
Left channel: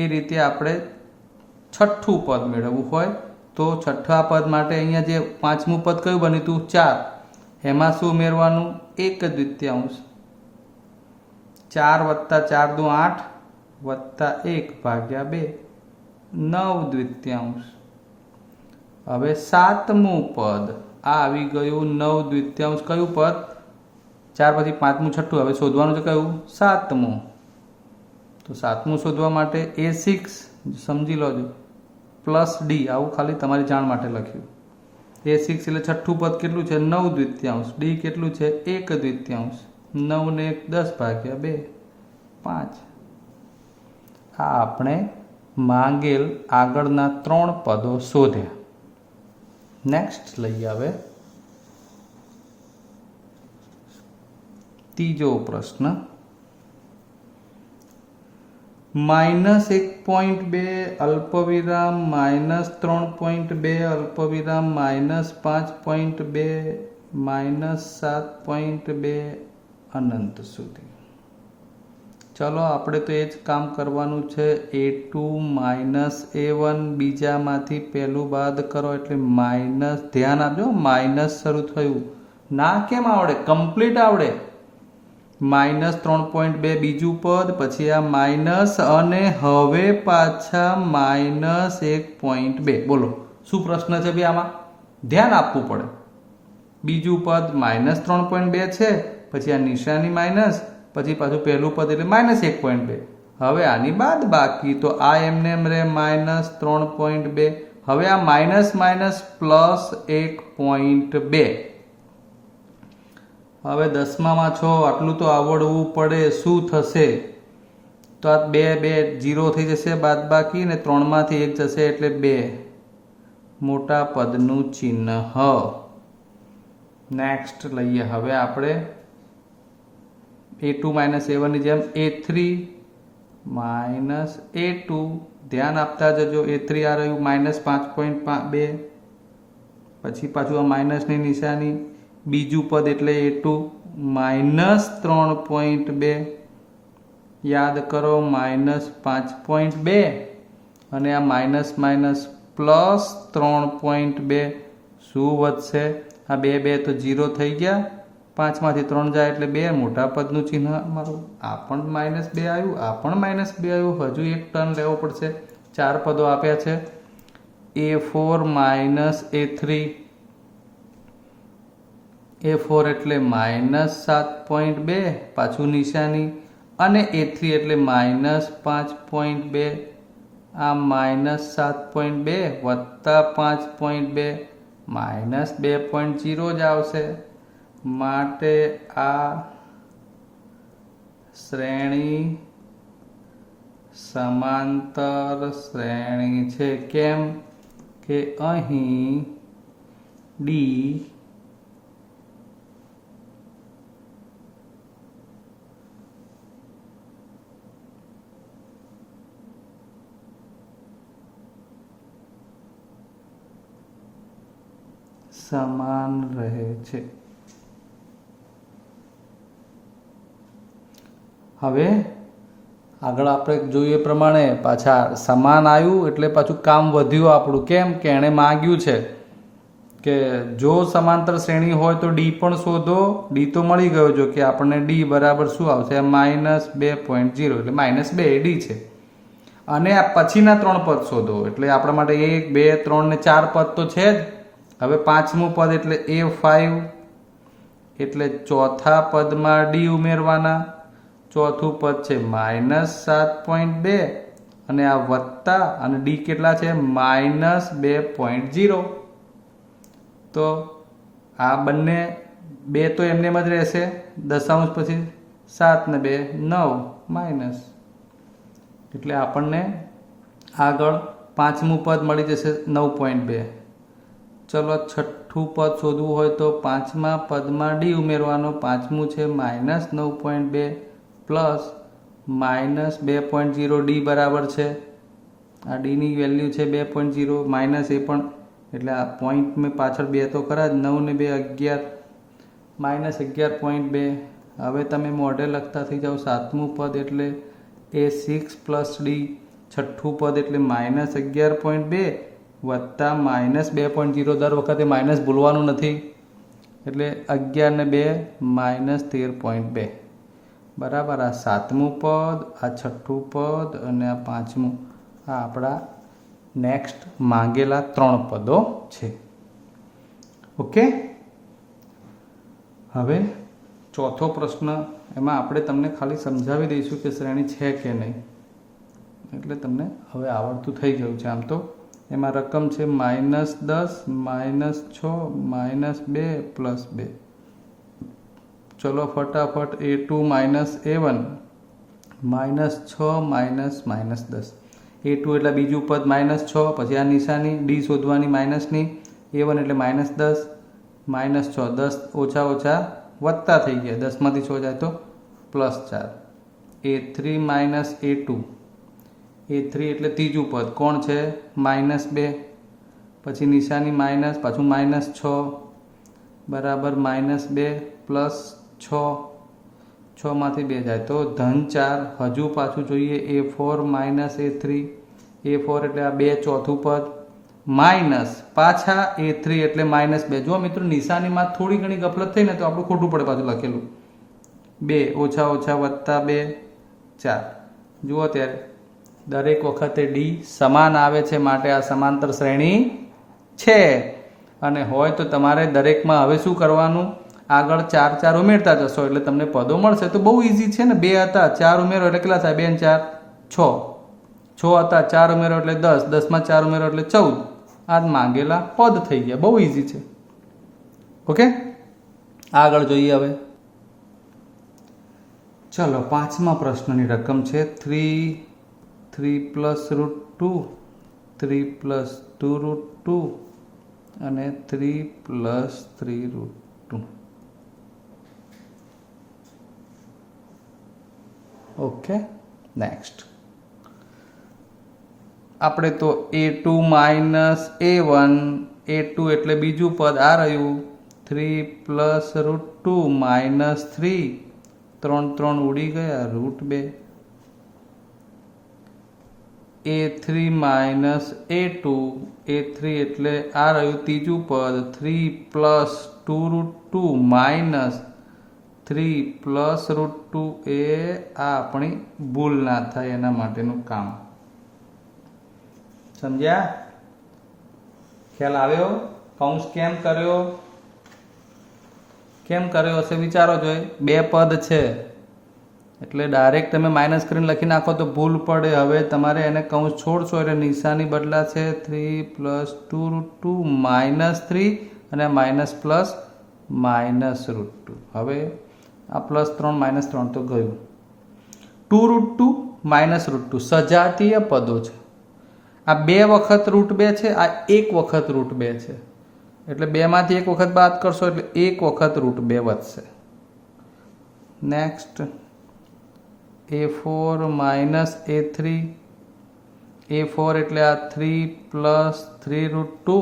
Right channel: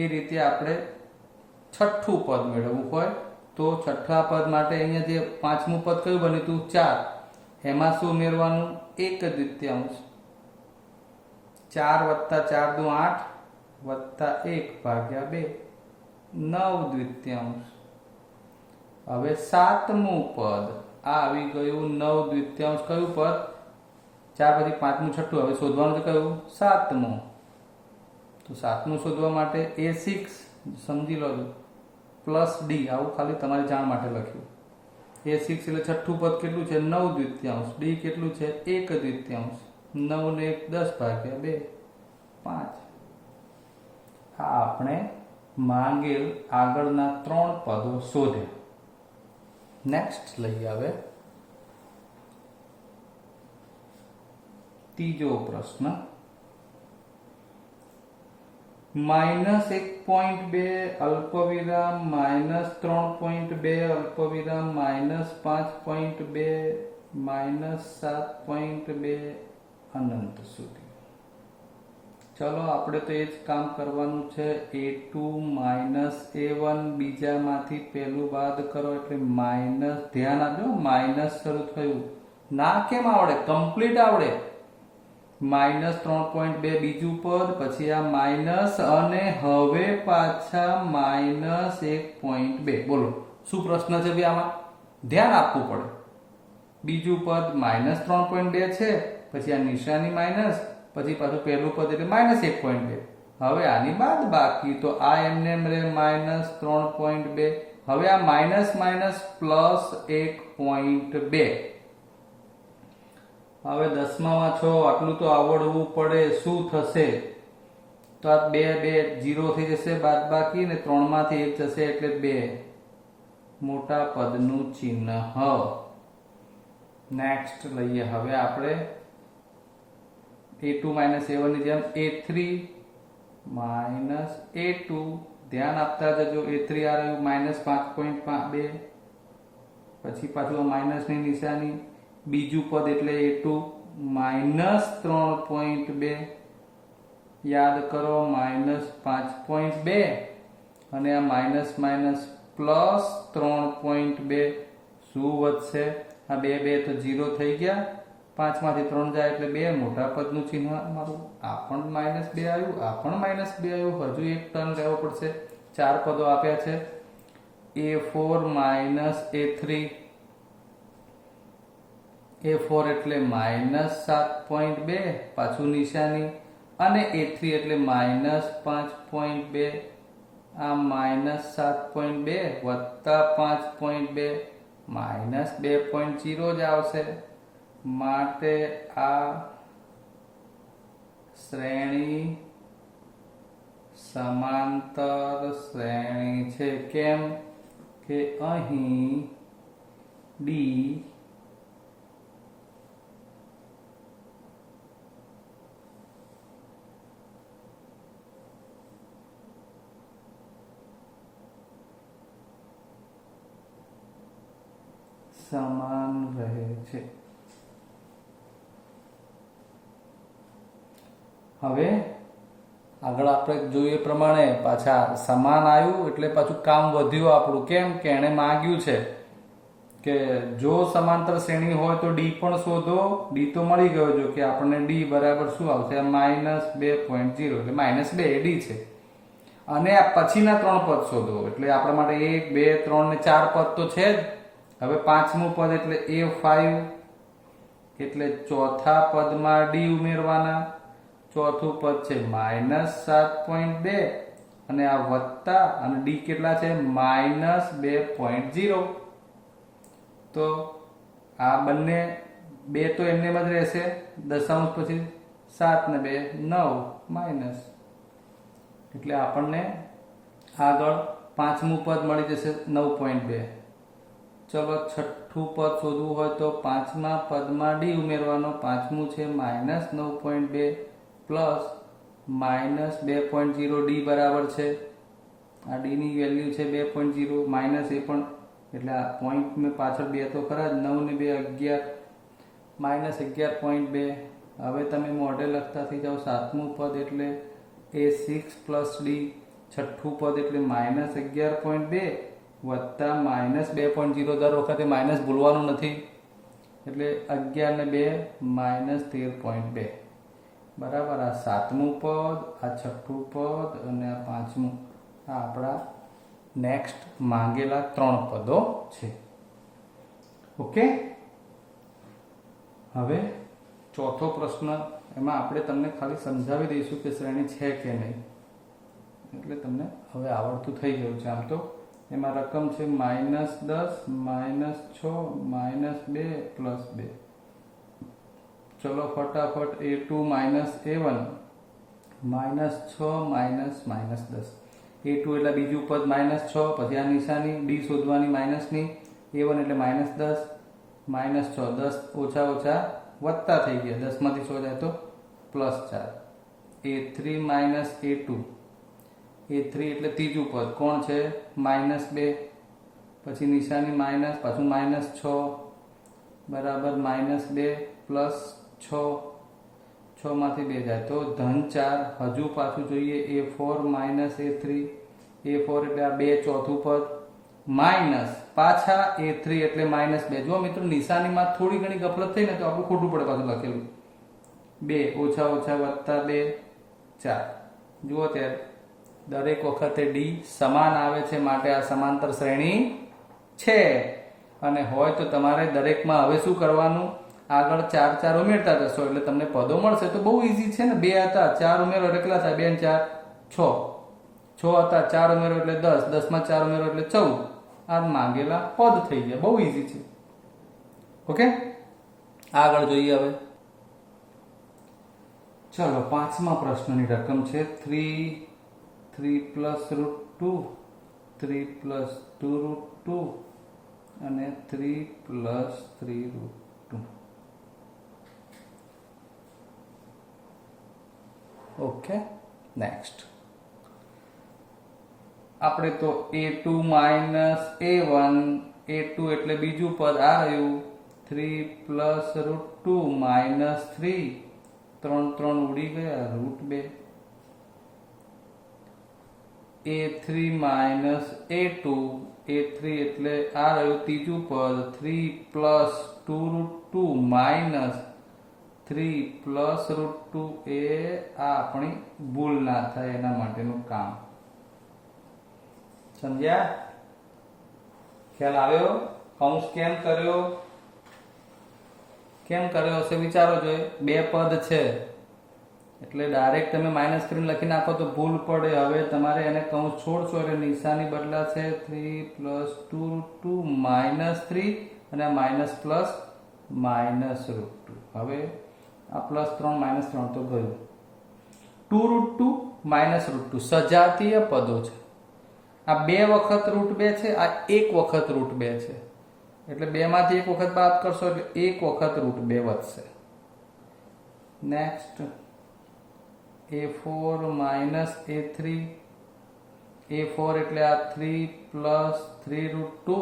એ રીતે આપણે છઠ્ઠું પદ મેળવવું હોય તો છઠ્ઠા પદ માટે અહીંયા જે 5મું પદ કયું બન્યું હતું? 4. એમાં શું ઉમેરવાનું? 1 દ્વિતીયાંશ. 4 વત્તા 4 દુ 8 વત્તા 1 ભાગ્યા 2 9 દ્વિતીયાંશ. હવે 7મું પદ આ આવી ગયું 9 દ્વિતીયાંશ. કયું પદ? 4 પછી 5મું છઠ્ઠું. હવે શોધવાનું છે કયું? 7મું. તો 7મું શોધવા માટે A6 સમજી લો પ્લસ ડી, આવું ખાલી તમારી જાણ માટે લખ્યું. A6 એટલે છઠ્ઠું પદ કેટલું છે? 9 દ્વિતીયાંશ. ડી કેટલું છે? 1 દ્વિતીયાંશ. 9 ને 1 10 ભાગ્યા 2 5. આ આપણે માંગેલ આગળના 3 પદો શોધ્યા. નેક્સ્ટ લઈ આવે ત્રીજો પ્રશ્ન. -1.2 અલ્પવિરામ -3.2 અલ્પવિરામ -5.2 -7.2 અનંત સુધી. ચલો, આપણે તો એ જ કામ કરવાનું છે. A2 -A1 બીજામાંથી પહેલું બાદ કરો એટલે માઇનસ. ધ્યાન આપજો, માઇનસ શરૂ થયું. ના કેમ આવડે? કમ્પ્લીટ આવડે. -3.2 બીજું પદ, પછી આ માઇનસ અને હવે પાછા -1.2. બોલો શું પ્રશ્ન છે ભાઈ? આમાં ધ્યાન આપવું પડે. બીજું પદ -3.2 છે, પછી આ નિશાની માઇનસ, પછી પાછું પહેલું પદ એટલે -1.2. હવે આની બાદ બાકી તો આ એમને એમ રે -3.2, હવે આ માઇનસ માઇનસ પ્લસ 1.2, હવે 10માં 6 આટલું તો આવડવું પડે. શું થશે? તો આ 2 0 થઈ જશે બાદબાકી, ને 3માંથી 1 જશે એટલે 2, મોટા પદનું ચિહ્ન. નેક્સ્ટ લઈએ હવે આપણે a2 માઇનસ a1 ની જેમ a3 માઇનસ a2, ધ્યાન આપતા જજો. a3 આ રહ્યું માઇનસ 5.2, પછી પાછું આ માઇનસની નિશાની, બીજું પદ એટલે a2 માઇનસ 3.2, યાદ કરો માઇનસ 5.2, અને આ માઇનસ માઇનસ પ્લસ 3.2, શું વધશે? આ 2 તો 0 થઈ ગયા, 5માંથી 3 જાય એટલે 2, મોટા પદનું ચિહ્ન અમારું. આ પણ -2 આવ્યું, આ પણ -2 આવ્યું. હજુ એક ટર્ન લેવો પડશે. 4 પદો આપ્યા છે. a4 માઇનસ a3, a4 એટલે માઇનસ 7.2, પાછું નિશાની, અને a3 એટલે માઇનસ 5.2, આ માઇનસ 7.2 વત્તા 5.2, માઇનસ 2.0 જ આવશે. માટે આ શ્રેણી સમાંતર શ્રેણી છે. કેમ કે અહીં D સમાન રહે છે. હવે આગળ આપણે જોઈએ પ્રમાણે પાછા સમાન આવ્યું એટલે પાછું કામ વધ્યું આપણું. કેમ કે એણે માંગ્યું છે કે જો સમાંતર શ્રેણી હોય તો ડી પણ શોધો. ડી તો મળી ગયો, જો કે આપણને ડી બરાબર શું આવશે? -2.0 એટલે -2 એ ડી છે. અને આ પછીના 3 પદ શોધો, એટલે આપણા માટે 1 2 3 ને 4 પદ તો છે જ. હવે 5મું પદ એટલે a5, એટલે ચોથા પદમાં ડી ઉમેરવાના. ચોથું પદ છે -7.2, અને આ વત્તા, અને ડી કેટલા છે? -2.0. તો આ બંને 2 તો એમને જ રહેશે, દશાંશ પછી 7 ને 2 9 માઇનસ, એટલે આપણને આગળ 5મું પદ મળી જશે 9.2. ચલો છઠ્ઠું પદ શોધવું હોય તો 5મા પદમાં ડી ઉમેરવાનો. 5મું છે -9.2 પ્લસ -2.0, ડી બરાબર છે, આ ડીની વેલ્યુ છે 2.0, માઇનસ એ પણ, એટલે આ પોઈન્ટ મેં પાછળ 2 તો ખરા જ, 9 ને 2 11, -11.2. હવે તમે મોઢે લખતા થઈ જાઓ. 7મું પદ એટલે a6 પ્લસ ડી, છઠ્ઠું પદ એટલે -11.2 વત્તા -2.0, દર વખતે માઇનસ ભૂલવાનું નથી, એટલે 11 ને 2 -13.2 બરાબર. આ 7મું પદ, આ છઠ્ઠું પદ અને આ 5મું, આ આપણા નેક્સ્ટ માંગેલા 3 પદો છે. ઓકે. હવે ચોથો પ્રશ્ન, એમાં આપણે તમને ખાલી સમજાવી દઈશું કે શ્રેણી છે કે નહીં, એટલે તમને હવે આવડતું થઈ ગયું છે. આમ તો એમાં રકમ છે -10 -6 -2 +2. ચલો ફટાફટ a2 માઇનસ a1, -6 -10. a2 એટલે બીજું પદ -6, પછી આ નિશાની ડી શોધવાની માઇનસની, a1 એટલે -10 -6, 10 ઓછા ઓછા વત્તા થઈ ગયા, 10માંથી 6 જાય તો +4. a3 માઇનસ a2, a3 એટલે ત્રીજું પદ કોણ છે? -2, પછી નિશાની માઇનસ, પાછું -6 બરાબર -2 પ્લસ 6, 6માંથી 2 જાય તો -4. હજુ પાછું જોઈએ a4 માઇનસ a3, a4 એટલે આ 2 ચોથું પદ, માઇનસ પાછા a3 એટલે -2. જો મિત્રો નિશાનીમાં થોડી ઘણી ગફલત થઈ ને તો આપણું ખોટું પડે પાછું લખેલું. 2 ઓછા ઓછા વત્તા 2 4. જુઓ ત્યારે દરેક વખતે ડી સમાન આવે છે, માટે આ સમાંતર શ્રેણી છે. અને હોય તો તમારે દરેકમાં હવે શું કરવાનું? આગળ 4 4 ઉમેરતા જશો એટલે તમને પદો મળશે. તો બહુ ઇઝી છે ને. 2 હતા, 4 ઉમેરો એટલે કેટલા થાય? 2 4 6. 6 હતા, 4 ઉમેરો એટલે 10, 10માં 4 ઉમેરો એટલે 14. આ માંગેલા પદ થઈ ગયા. બહુ ઇઝી છે. ઓકે, આગળ જોઈએ હવે. ચલો, 5મા પ્રશ્નની રકમ છે 3 પ્લસ √2, 3 પ્લસ 2√2 અને 3 પ્લસ 3√2. ઓકે, નેક્સ્ટ આપણે તો a2 માઇનસ a1, a2 એટલે બીજું પદ આ રહ્યું, 3 પ્લસ √2 માઇનસ 3, 3 ઉડી ગયા, √2. a3 માઇનસ a2, a3 એટલે આ રહ્યું ત્રીજું પદ, 3 પ્લસ 2√2 માઇનસ 3 પ્લસ √2. એ આ આપણી ભૂલ ના થાય એના માટેનું કામ. સમજ્યા? ખ્યાલ આવ્યો? કૌંસ કેમ કર્યો હશે વિચારો જોઈએ. બે પદ છે એટલે ડાયરેક્ટ તમે માઇનસ કરીને લખી નાખો તો ભૂલ પડે. હવે તમારે એને કૌંસ છોડશો એટલે નિશાની બદલાશે. 3 પ્લસ 2√2 માઇનસ 3 અને માઇનસ પ્લસ માઇનસ √2. હવે આ પ્લસ 3 માઇનસ 3 તો ગયું. 2√2 માઇનસ √2 સજાતીય પદો છે. આ 2 વખત √2 છે, આ 1 વખત √2 છે. એટલે 2 માંથી 1 વખત બાદ કરશો એટલે 1 વખત √2 વધશે. Next a4 minus a3, a4 એટલે આ 3 પ્લસ 3√2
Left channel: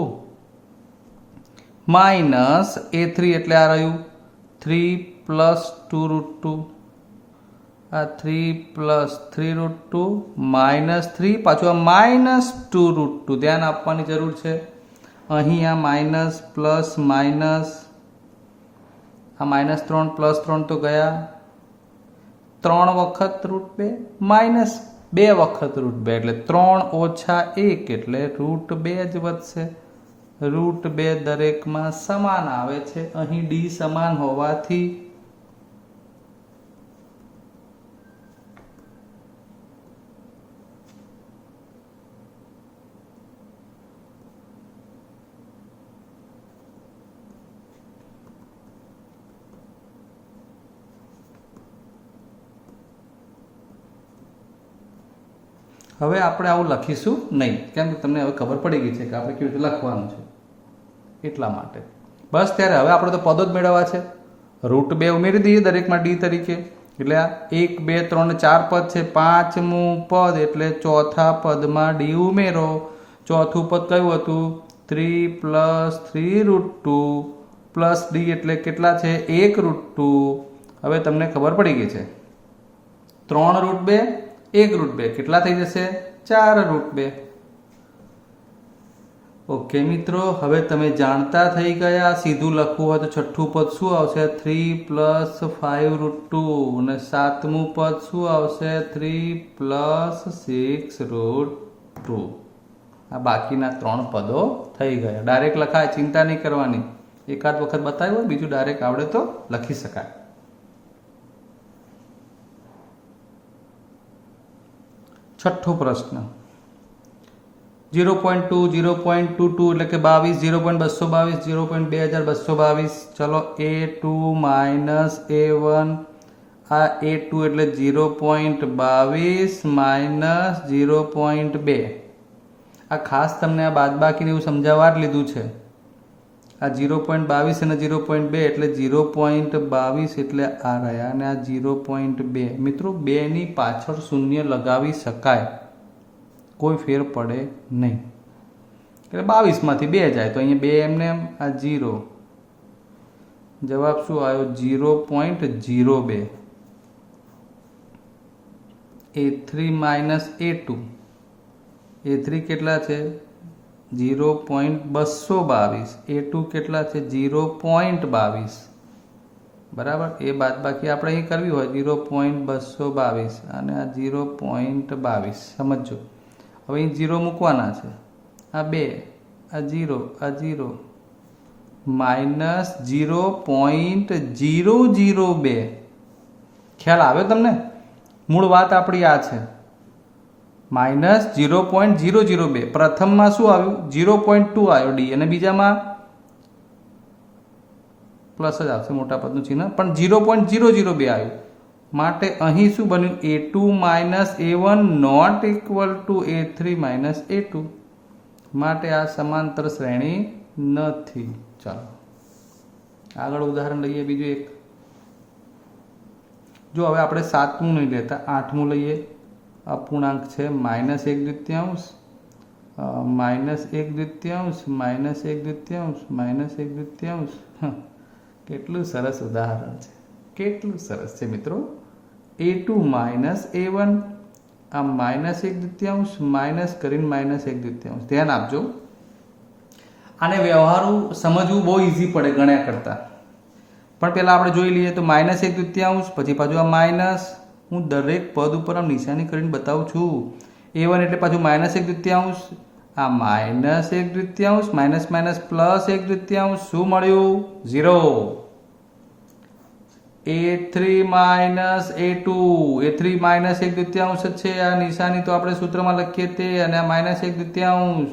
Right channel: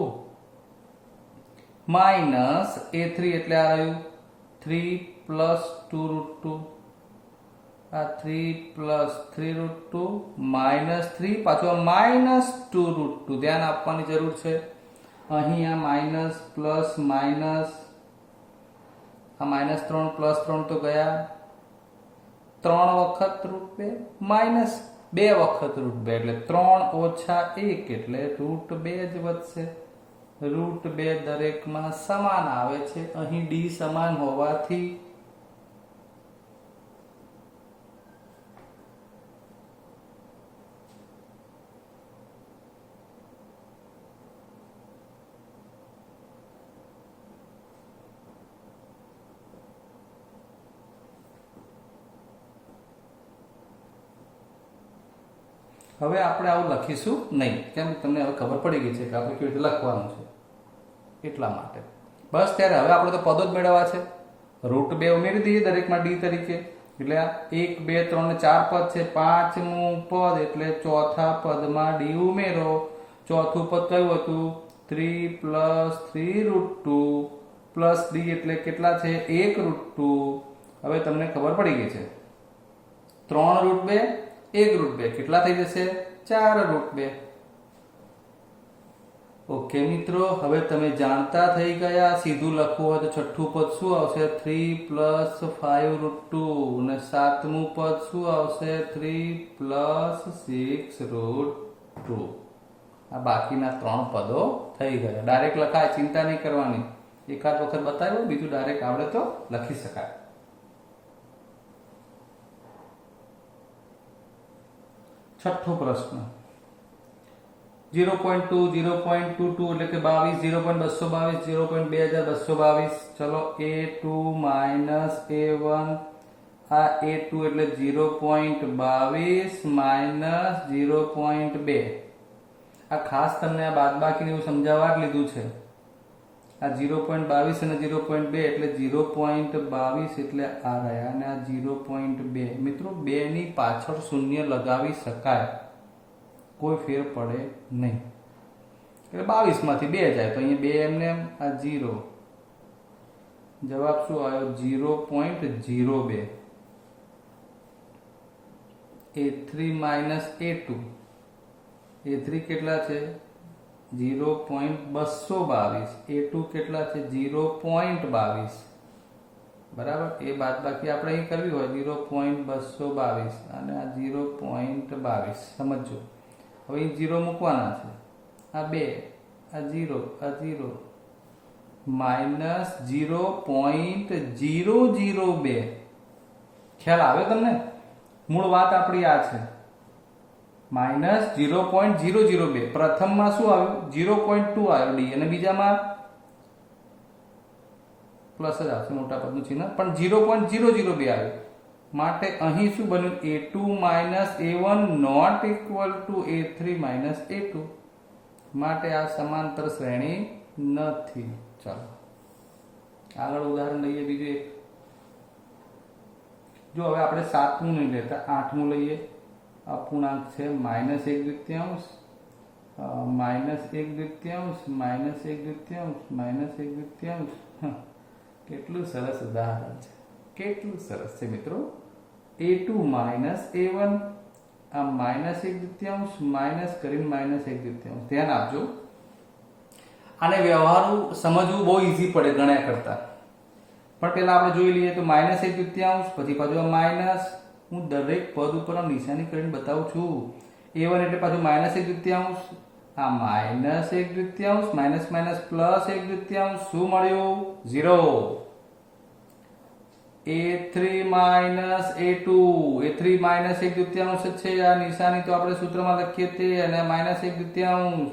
માઇનસ a3 એટલે આ રહ્યું 3 પ્લસ 2√2, આ 3 પ્લસ 3√2 માઇનસ 3, પાછું આ માઇનસ 2√2. ધ્યાન આપવાની જરૂર છે. અહીં આ માઇનસ પ્લસ માઇનસ, આ માઇનસ 3 પ્લસ 3 તો ગયા, 3 વખત √2 માઇનસ 2 વખત √2 એટલે 3 ઓછા 1 એટલે √2 જ વધશે. √2 દરેકમાં સમાન આવે છે. અહીં d સમાન હોવાથી હવે આપણે આવું લખીશું નહીં. કેમ? તમને હવે ખબર પડી ગઈ છે કે આપણે કેવી રીતે લખવાનું છે, એટલા માટે. બસ ત્યારે હવે આપણે તો પદો જ મેળવવા છે. √2 ઉમેરી દઈએ દરેકમાં d તરીકે. એટલે આ 1 2 3 4 પદ છે. 5મું પદ એટલે ચોથા પદમાં d ઉમેરો. ચોથું પદ કયું હતું? 3 પ્લસ 3√2 પ્લસ d એટલે કેટલા છે? 1√2. હવે તમને ખબર પડી ગઈ છે. 3√2 1√2 કેટલા થઈ જશે? 4√2. ઓકે મિત્રો, હવે તમે જાણતા થઈ ગયા. સીધું લખવું હોય તો છઠ્ઠું પદ શું આવશે? 3 પ્લસ 5√2 અને 7મું પદ શું આવશે? 3 પ્લસ 6√2. આ બાકીના 3 પદો થઈ ગયા. ડાયરેક્ટ લખાય, ચિંતા નહીં કરવાની. એકાદ વખત બતાવ્યો, બીજું ડાયરેક્ટ આવડે તો લખી શકાય. છઠ્ઠો પ્રશ્ન 0.2 0.22 એટલે કે 22, 0.222 0.2222. ચલો, a2 માઇનસ a1, આ a2 એટલે 0.22 માઇનસ 0.2. આ ખાસ તમને આ બાદબાકીને એવું સમજાવવા જ લીધું છે. આ 0.22 અને 0.2 એટલે 0.22 એટલે આ રહ્યા અને આ 0.2. મિત્રો, 2 ની પાછળ શૂન્ય લગાવી શકાય, કોઈ ફેર પડે નહીં. એટલે 22 માંથી 2 જાય તો અહીંયા 2 એમને એમ, આ 0. જવાબ શું આવ્યો? 0.02. a3 માઇનસ a2, a3 કેટલા છે? 0.222. a2 કેટલા છે? 0.22. બરાબર. એ બાદબાકી આપણે અહીં કરવી હોય 0.222 અને આ 0.22. સમજો. હવે અહીં 0 મૂકવાના છે. આ 2, આ 0, આ 0 માઇનસ 0.002. ખ્યાલ આવે તમને? મૂળ વાત આપણી આ છે. માઇનસ 0.002. પ્રથમમાં શું આવ્યું? 0.2 આવ્યો ડી, અને બીજામાં પ્લસ જ આવશે મોટા પદનું ચિહ્ન, પણ 0.002 આવ્યું. માટે અહીં શું બન્યું? a2 minus a1 not equal to a3 minus a2. માટે આ સમાંતર શ્રેણી નથી. ચાલો આગળ ઉદાહરણ લઈએ બીજું એક. જો હવે આપણે 7મું નહીં લેતા, 8મું લઈએ. અપૂર્ણાંક છે માઇનસ 1/2, માઇનસ 1/2, માઇનસ 1/2, માઇનસ 1/2. કેટલું સરસ ઉદાહરણ છે, કેટલું સરસ છે મિત્રો. a2 માઇનસ a1, આ માઇનસ 1/2 માઇનસ કરીને માઇનસ 1/2. ધ્યાન આપજો, આને વ્યવહારુ સમજવું બહુ ઈઝી પડે ગણ્યા કરતા. પણ પહેલાં આપણે જોઈ લઈએ તો માઇનસ 1/2, પછી પાછું આ માઇનસ. હું દરેક પદ ઉપર આમ નિશાની કરીને બતાવું છું. a1 એટલે પાછું માઇનસ 1/2, આ માઇનસ 1/2, માઇનસ માઇનસ પ્લસ 1/2. શું મળ્યું? 0. a3 minus a2, a3 minus 1/2 છે. આ નિશાની તો આપણે સૂત્રમાં લખીએ તે, અને આ માઇનસ 1/2,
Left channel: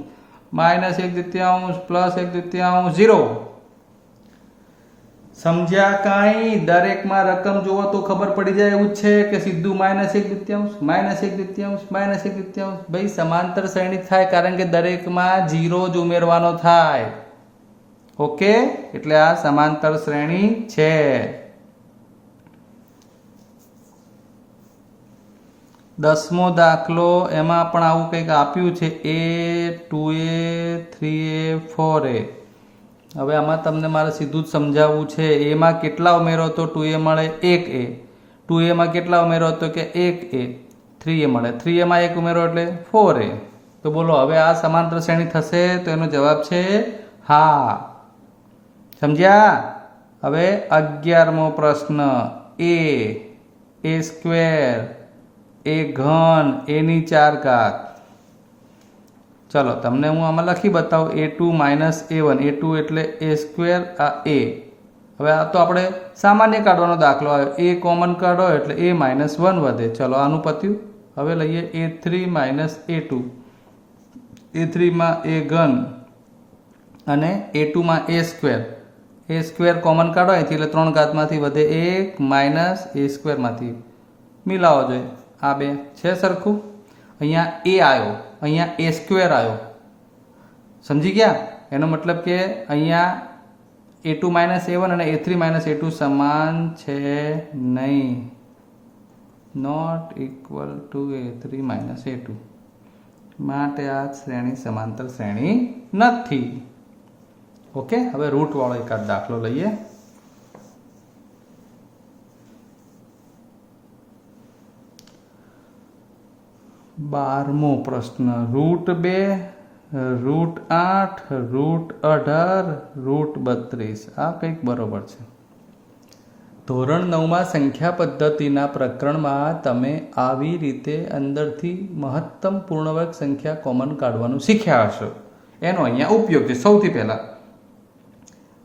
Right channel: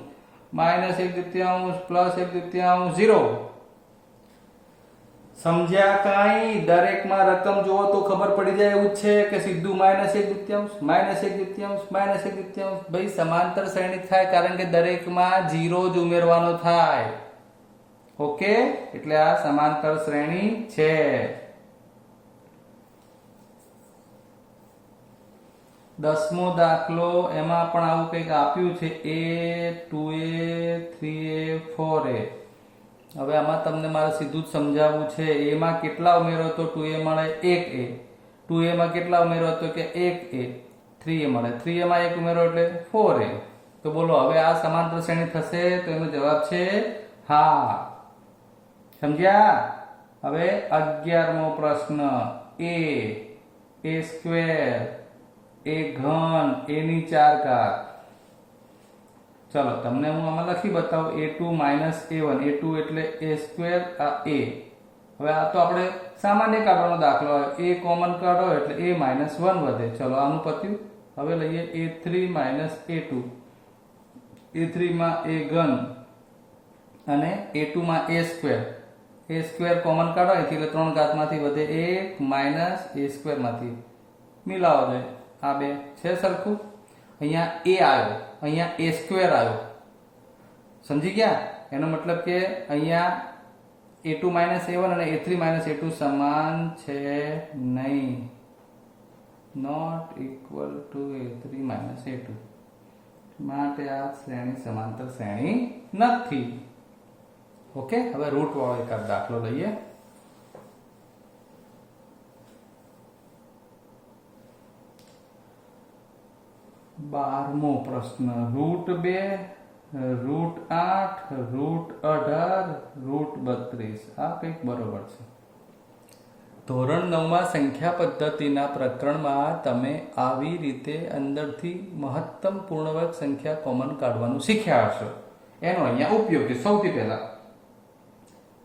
માઇનસ 1/2 પ્લસ 1/2, 0. સમજ્યા કાંઈ? દરેકમાં રકમ જુઓ તો ખબર પડી જાય એવું છે કે સીધું માઇનસ 1/2, માઇનસ 1/2, માઇનસ 1/2. ભાઈ સમાંતર શ્રેણી થાય કારણ કે દરેકમાં 0 જ ઉમેરવાનો થાય. ઓકે, એટલે આ સમાંતર શ્રેણી છે. દસમો દાખલો, એમાં પણ આવું કંઈક આપ્યું છે, a 2a 3a 4a. હવે આમાં તમને મારે સીધું જ સમજાવવું છે. એમાં કેટલા ઉમેરો તો 2a મળે? 1a. 2a માં કેટલા ઉમેરો તો કે 1a. 3a મળે, 3a માં 1 ઉમેરો એટલે 4a. તો બોલો હવે આ સમાંતર શ્રેણી થશે? તો એનો જવાબ છે હા. સમજ્યા? હવે 11મો પ્રશ્ન, a સ્ક્વેર, a ઘન, a ની 4 ઘાત. ચલો તમને હું આમાં લખી બતાવું. a2 માઇનસ a1, a2 એટલે a સ્ક્વેર, આ a. હવે આ તો આપણે સામાન્ય કાઢવાનો દાખલો આવ્યો, a કોમન કાઢો એટલે a માઇનસ 1 વધે. ચલો આનું પત્યું. હવે લઈએ a3 માઇનસ a2, a3 માં a ઘન અને a2 માં a square. a square common કાઢો અહીંથી એટલે 3 ઘાતમાંથી વધે 1 માઇનસ a સ્ક્વેર માંથી મિલાવો જોઈએ. આ બે છે સરખું. અહીંયા a આવ્યો, અહીંયા a સ્ક્વેર આવ્યો. સમજી ગયા? એનો મતલબ કે અહીંયા a2 માઇનસ a1 અને a3 માઇનસ a2 સમાન છે નહીં. Not equal to a3 minus a2. માટે આ શ્રેણી સમાંતર શ્રેણી નથી. ઓકે, હવે રૂટ વાળો એકાદ દાખલો લઈએ. બારમો પ્રશ્ન, √2, √8, √18, √32. આ કંઈક બરોબર છે. ધોરણ 9માં સંખ્યા પદ્ધતિના પ્રકરણમાં તમે આવી રીતે અંદરથી મહત્તમ પૂર્ણવર્ગ સંખ્યા કોમન કાઢવાનું શીખ્યા હશો. એનો અહીંયા ઉપયોગ છે. સૌથી પહેલા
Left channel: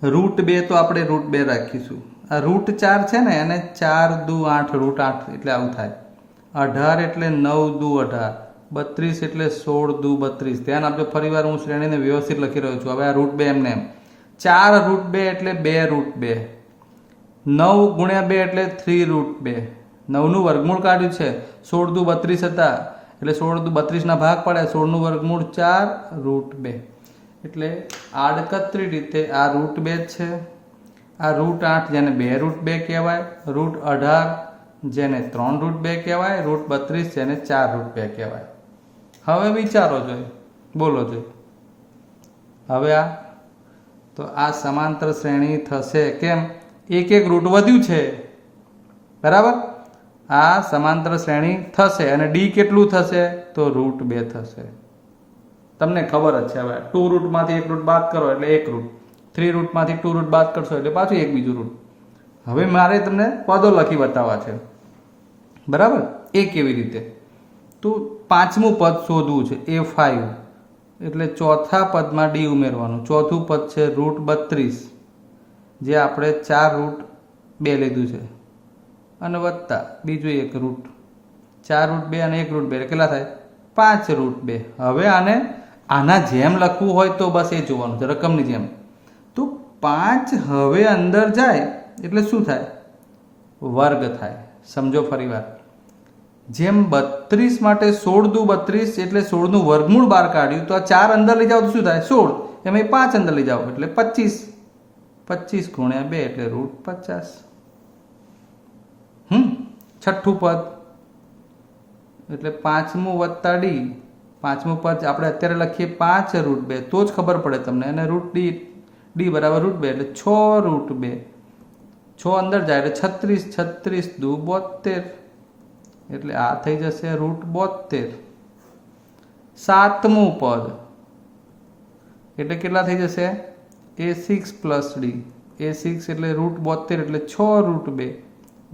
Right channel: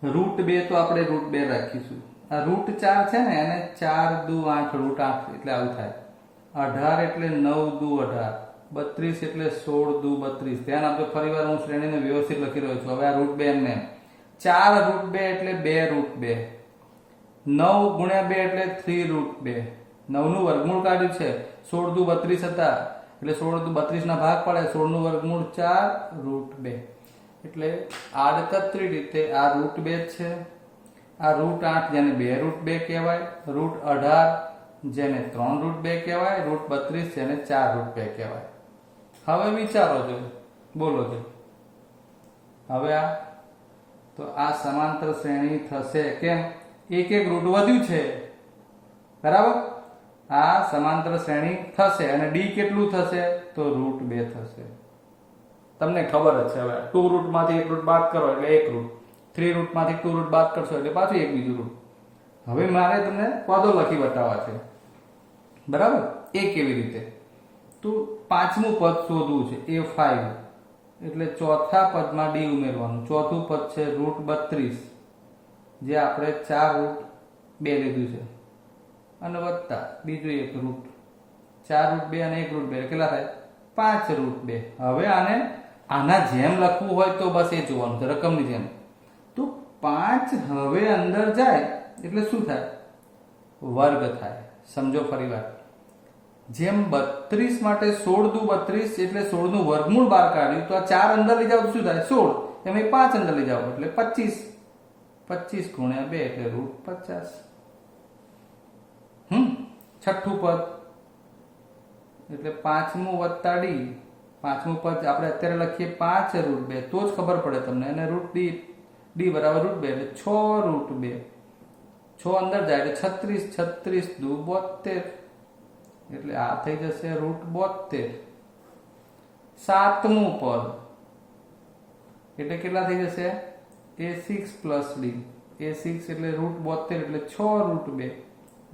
√2 તો આપણે √2 રાખીશું. આ √4 છે ને, એને 4 દુ 8, √8 એટલે આવું થાય. 18 એટલે 9 દુ 18, 32 એટલે 16 દુ 32. ધ્યાન આપજો, ફરી વાર હું શ્રેણીને વ્યવસ્થિત લખી રહ્યો છું. હવે આ √2 એમને એમ 4 √2 એટલે 2 √2, 9 ગુણ્યા 2 એટલે 3 √2. 9 નું વર્ગમૂળ કાઢ્યું છે, 16 દુ 32 હતા એટલે 16 દુ 32 ના ભાગ પડે, 16 નું વર્ગમૂળ 4 √2. એટલે આડકતરી રીતે આ √2 છે. આ √8 જેને 2 √2 કહેવાય, √18 જેને 3 √2 કહેવાય, √32 જેને 4 √2 કહેવાય. હવે વિચારો જોઈએ, બોલો જોઈએ. હવે આ તો આ સમાંતર શ્રેણી થશે. કેમ? એક એક રૂટ વધ્યું છે, બરાબર. આ સમાંતર શ્રેણી થશે અને ડી કેટલું થશે? તો √2 થશે. તમને ખબર જ છે. હવે 2 રૂટમાંથી 1 રૂટ બાદ કરો એટલે 1 રૂટ, 3 રૂટમાંથી 2 રૂટ બાદ કરશો એટલે પાછું એક બીજું રૂટ. હવે મારે તમને પદો લખી બતાવવા છે, બરાબર. એ કેવી રીતે? તો પાંચમું પદ શોધવું છે, a5. એટલે ચોથા પદમાં ડી ઉમેરવાનું. ચોથું પદ છે √32, જે આપણે 4 √2 લીધું છે, અને વત્તા બીજું એક રૂટ. 4 √2 અને 1 √2 કેટલા થાય? 5√2. હવે આના જેમ લખવું હોય તો બસ એ જોવાનું છે, રકમની જેમ. તો 5 હવે અંદર જાય એટલે શું થાય? વર્ગ થાય. સમજો ફરીવાર. જેમ 32 માટે 16 દુ 32 એટલે 16 નું વર્ગમૂળ બહાર કાઢ્યું, તો આ 4 અંદર લઈ જાવ તો શું થાય? 16. એમાં 5 અંદર લઈ જાવ એટલે 25. 25 ગુણ્યા 2 એટલે √50. છઠ્ઠું પદ એટલે 5મું વત્તા ડી. 5મું પદ આપણે અત્યારે લખીએ 5√2, તો જ ખબર પડે તમને. અને ડી બરાબર √2 એટલે 6√2. 6 અંદર જાય એટલે 36. 36 દુ 72 એટલે આ થઈ જશે √72. 7મું પદ એટલે કેટલા થઈ જશે? a6 plus D. a6 એટલે √72 એટલે 6√2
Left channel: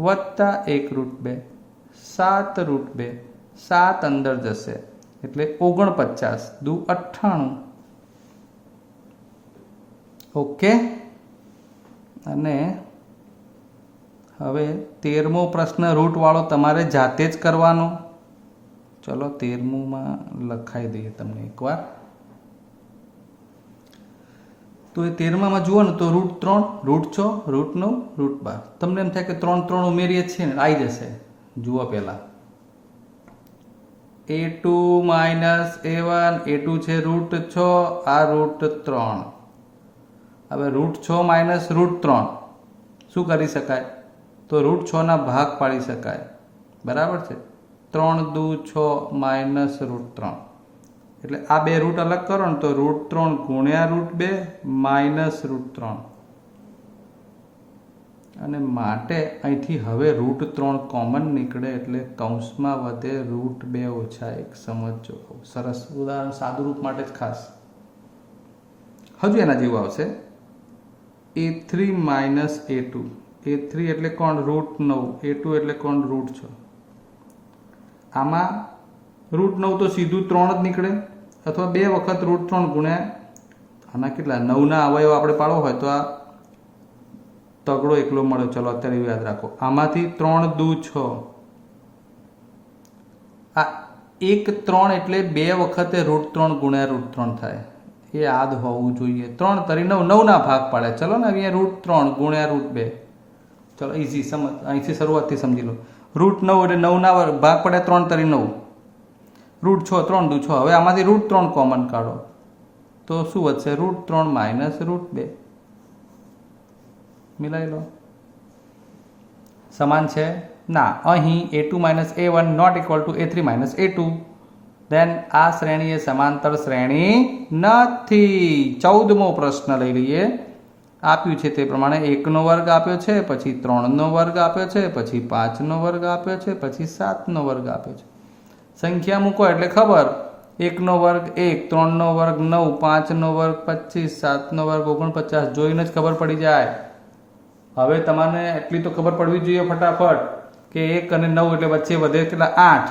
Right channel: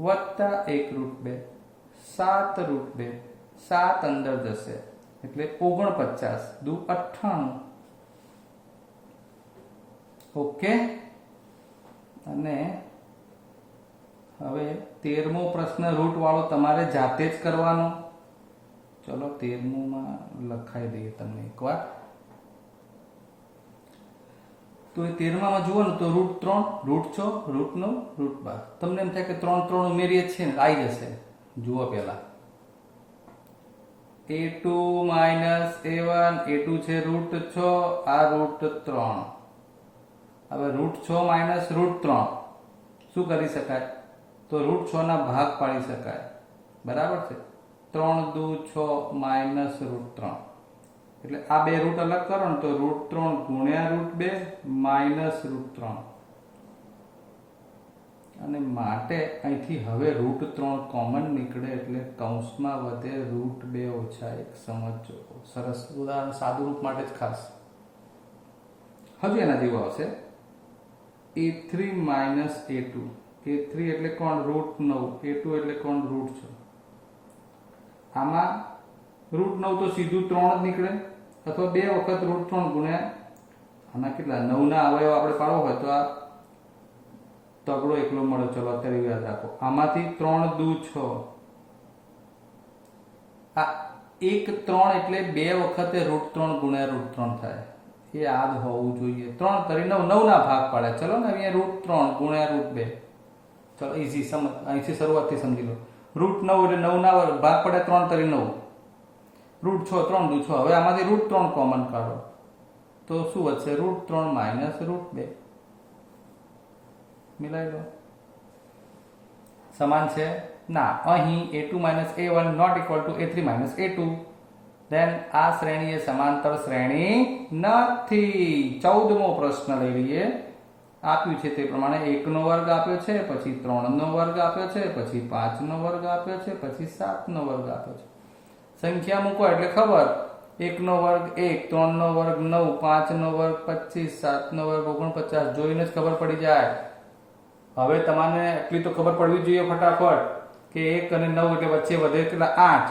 વત્તા 1√2. 7√2. 7 અંદર જશે એટલે 49 દુ 98. ઓકે. અને હવે 13મો પ્રશ્ન રૂટ વાળો તમારે જાતે જ કરવાનો. ચલો 13મું લખાઈ દઈએ તમને એકવાર. તો એ 13માં જુઓ ને તો √3, √6, √9, √12. તમને એમ થાય કે 3 3 ઉમેરીએ છીએ ને આવી જશે. જુઓ પહેલા a2 માઇનસ a1. a2 છે √6, આ √3. હવે √6 માઇનસ √3 શું કરી શકાય? તો √6 ના ભાગ પાડી શકાય. બરાબર છે. 3 દુ 6 માઇનસ √3 એટલે આ બે રૂટ અલગ કરો ને તો √3 ગુણ્યા √2 માઇનસ √3. અને માટે અહીંથી હવે √3 કોમન નીકળે એટલે કૌંસમાં વધે √2 ઓછા 1. સમજો. સરસ ઉદાહરણ સાદું રૂપ માટે જ ખાસ. હજુ એના જેવું આવશે. a3 minus a2. a3 એટલે કોણ? √9. a2 એટલે કોણ? √6. આમાં √9 તો સીધું 3 જ નીકળે, અથવા 2 વખત √3 ગુણ્યા આના કેટલા 9 ના અવયવ આપણે પાડવો હોય તો આ તગડો એકલો મળે. ચલો અત્યારે યાદ રાખો. આમાંથી 3 દુ 6. આ 1 3 એટલે 2 વખતે √3 ગુણ્યા √3 થાય. એ યાદ હોવું જોઈએ. 3 તરી 9, 9 ના ભાગ પાડે. ચલો ને અહીંયા √3 ગુણ્યા √2. ચલો ઈઝી સમજ. અહીંથી શરૂઆતથી સમજી લો. √9 એટલે 9 ના ભાગ પડે 3 તરી 9. √6 3 દુ 6. હવે આમાંથી √3 કોમન કાઢો તો શું વધશે? √3 માઇનસ √2. મિલાઈ લો. સમાન છે ના? અહીં a2 minus a1 not equal to a3 minus a2. Then આ શ્રેણી એ સમાંતર શ્રેણી નથી. 14મો પ્રશ્ન લઈ લઈએ. આપ્યું છે તે પ્રમાણે 1 નો વર્ગ આપ્યો છે, પછી 3 નો વર્ગ આપ્યો છે, પછી 5 નો વર્ગ આપ્યો છે, પછી 7 નો વર્ગ આપ્યો છે. સંખ્યા મૂકો એટલે ખબર. 1 નો વર્ગ 1, 3 નો વર્ગ 9, 5 નો વર્ગ 25, 7 નો વર્ગ 49. જોઈને જ ખબર પડી જાય. હવે તમારે એટલી તો ખબર પડવી જોઈએ ફટાફટ કે 1 અને 9 એટલે વચ્ચે વધે કેટલા? 8.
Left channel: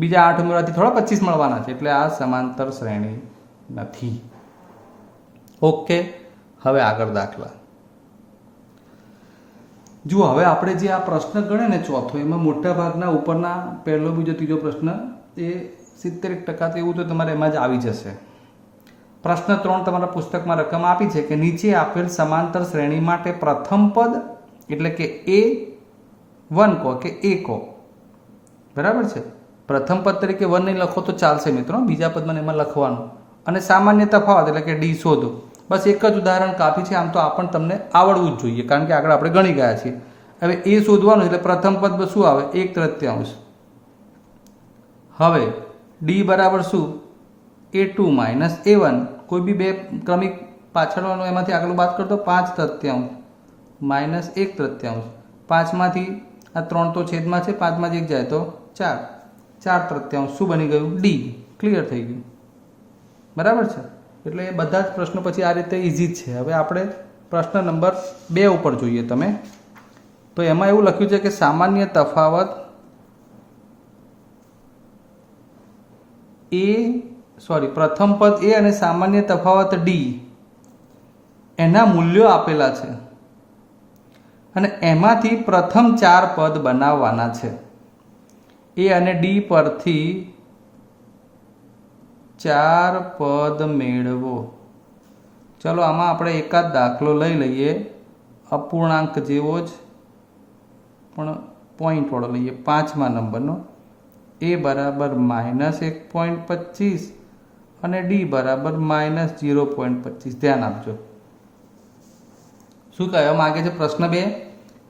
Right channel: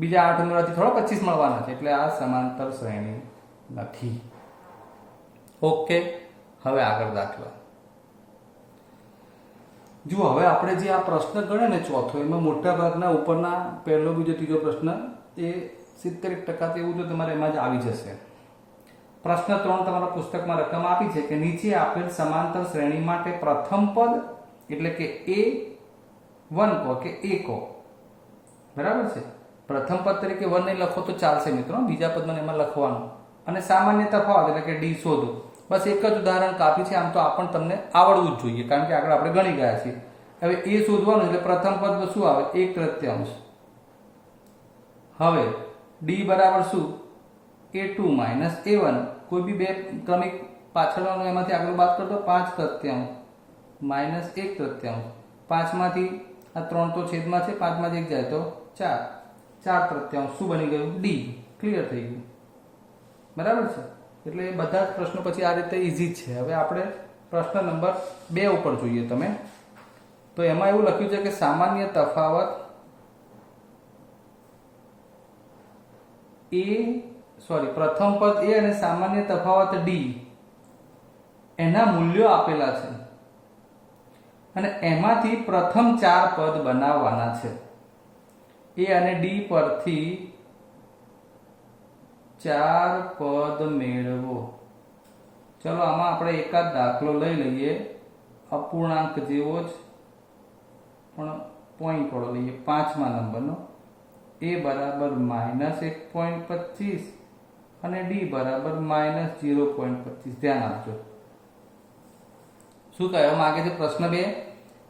બીજા 8 ઉમેરવાથી થોડા 25 મળવાના છે. એટલે આ સમાંતર શ્રેણી નથી. ઓકે. હવે આગળ દાખલા જુઓ. હવે આપણે જે આ પ્રશ્ન ગણે ને ચોથો, એમાં મોટા ભાગના ઉપરના પહેલો, બીજો, ત્રીજો પ્રશ્ન એ 70% એવું તો તમારે એમાં જ આવી જશે. પ્રશ્ન 3 તમારા પુસ્તકમાં રકમ આપી છે કે નીચે આપેલ સમાંતર શ્રેણી માટે પ્રથમ પદ એટલે કે a1 કહો કે a કહો. બરાબર છે. પ્રથમ પદ તરીકે 1 નહીં લખો તો ચાલશે મિત્રો. બીજા પદમાં એમાં લખવાનું. અને સામાન્ય તફાવત એટલે કે ડી શોધો. બસ એક જ ઉદાહરણ કાફી છે. આમ તો આ પણ તમને આવડવું જ જોઈએ કારણ કે આગળ આપણે ગણી ગયા છીએ. હવે એ શોધવાનું એટલે પ્રથમ પદ શું આવે? 1/3. હવે ડી બરાબર શું? a2 minus a1. કોઈ બી બે ક્રમિક પાછળનો એમાંથી આગળ બાદ કરતો 5/3 માઇનસ 1/3. 5 માંથી આ 3 તો છેદમાં છે, 5 માંથી 1 જાય તો 4. 4/3 શું બની ગયું? ડી. ક્લિયર થઈ ગયું. બરાબર છે. એટલે એ બધા જ પ્રશ્નો પછી આ રીતે ઇઝી જ છે. હવે આપણે પ્રશ્ન નંબર 2 ઉપર જોઈએ તમે. તો એમાં એવું લખ્યું છે કે સામાન્ય તફાવત પ્રથમ પદ a અને સામાન્ય તફાવત d એના મૂલ્યો આપેલા છે અને એમાંથી પ્રથમ 4 પદ બનાવવાના છે. a અને d પરથી 4 પદ મેળવો. ચલો આમાં આપણે એકાદ દાખલો લઈ લઈએ, અપૂર્ણાંક જેવો જ પણ પોઈન્ટ વાળો લઈએ. 5મા નંબરનો a બરાબર -1.25 અને d બરાબર -0.25. ધ્યાન આપજો. શું કહેવા માંગે છે પ્રશ્ન 2?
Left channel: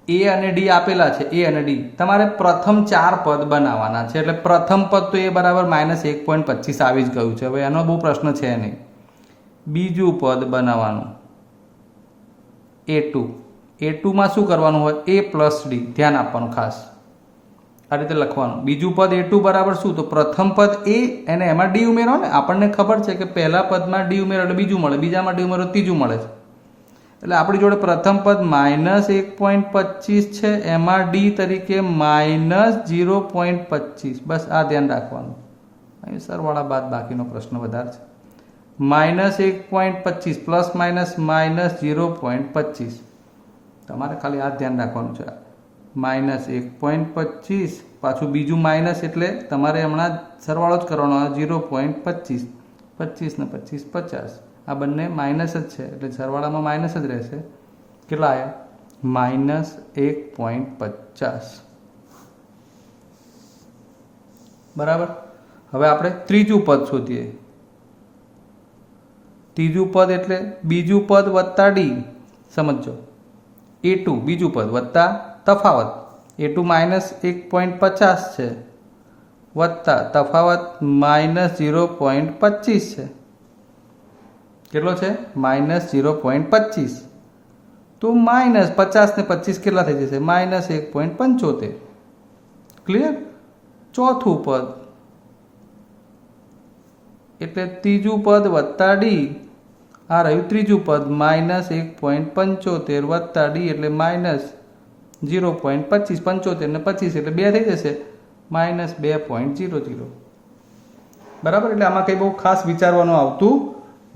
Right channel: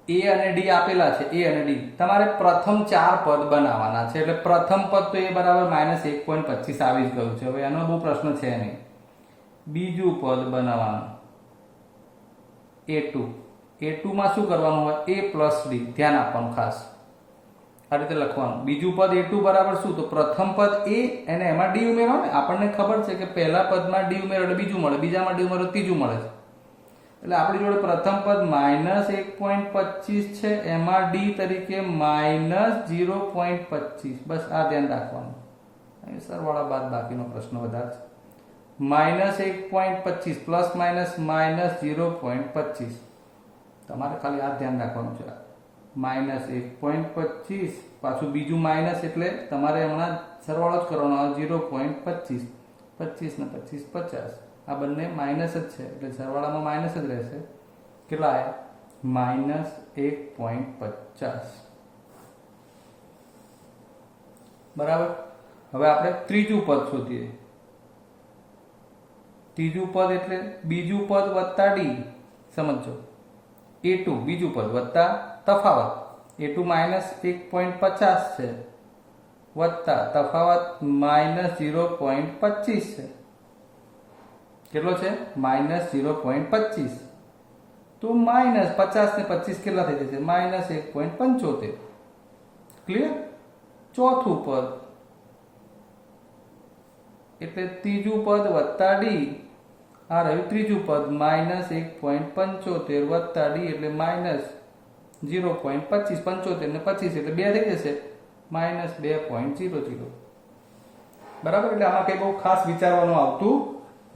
a અને d આપેલા છે, a અને d. તમારે પ્રથમ 4 પદ બનાવવાના છે. એટલે પ્રથમ પદ તો a બરાબર -1.25 આવી જ ગયું છે. હવે એનો બહુ પ્રશ્ન છે નહીં. બીજું પદ બનાવવાનું a2. a2માં શું કરવાનું હોય? a plus d. ધ્યાન આપવાનું ખાસ, આ રીતે લખવાનું. બીજું પદ a2 બરાબર શું? તો પ્રથમ પદ a અને એમાં d ઉમેરો ને. આપણને ખબર છે કે પહેલા પદમાં d ઉમેરો એટલે બીજું મળે, બીજામાં d ઉમેરો ત્રીજું મળે છે. એટલે આપણી જોડે પ્રથમ પદ -1.25 છે, એમાં d તરીકે -0.25. બસ આ ધ્યાન રાખવાનું. અહીં સરવાળા બાદ બાકીનો પ્રશ્ન વધારે છે. -1.25 પ્લસ માઇનસ -0.25. તમારે ખાલી આ ધ્યાન રાખવાનું છે. -1.25 પાછું બીજું માઇનસ એટલે તમારે હમણાં સરવાળો જ કરવાનો. 0.25, 25 ને 25 50. આ બંને માઇનસ જ છે એટલે સરવાળામાં માઇનસ જ રહેશે. કેટલા આવ્યા? -1.50. બરાબર. હવે આપણે ત્રીજું પદ શોધીએ. ત્રીજું પદ એટલે બીજું પદ વત્તા ડી. સમજો, a2 બીજું પદ વત્તા તફાવત. a2 -1.50 છે વત્તા તફાવત -0.25 છે. કેટલો છે? -0.25. તો -50 ને 25 કેટલા થઈ જશે? -1.75. ક્લિયર? ચોથું પદ એટલે ત્રીજું પદ વત્તા ડી. આ રહ્યું ત્રીજું પદ -1.75 વત્તા ડી એટલે -0.25. 75 ને 25 એટલે 2 થઈ જશે, -2.00. બરાબર. એટલે આમાં કંઈ બહુ ખાસ વિચારવાનું આવતું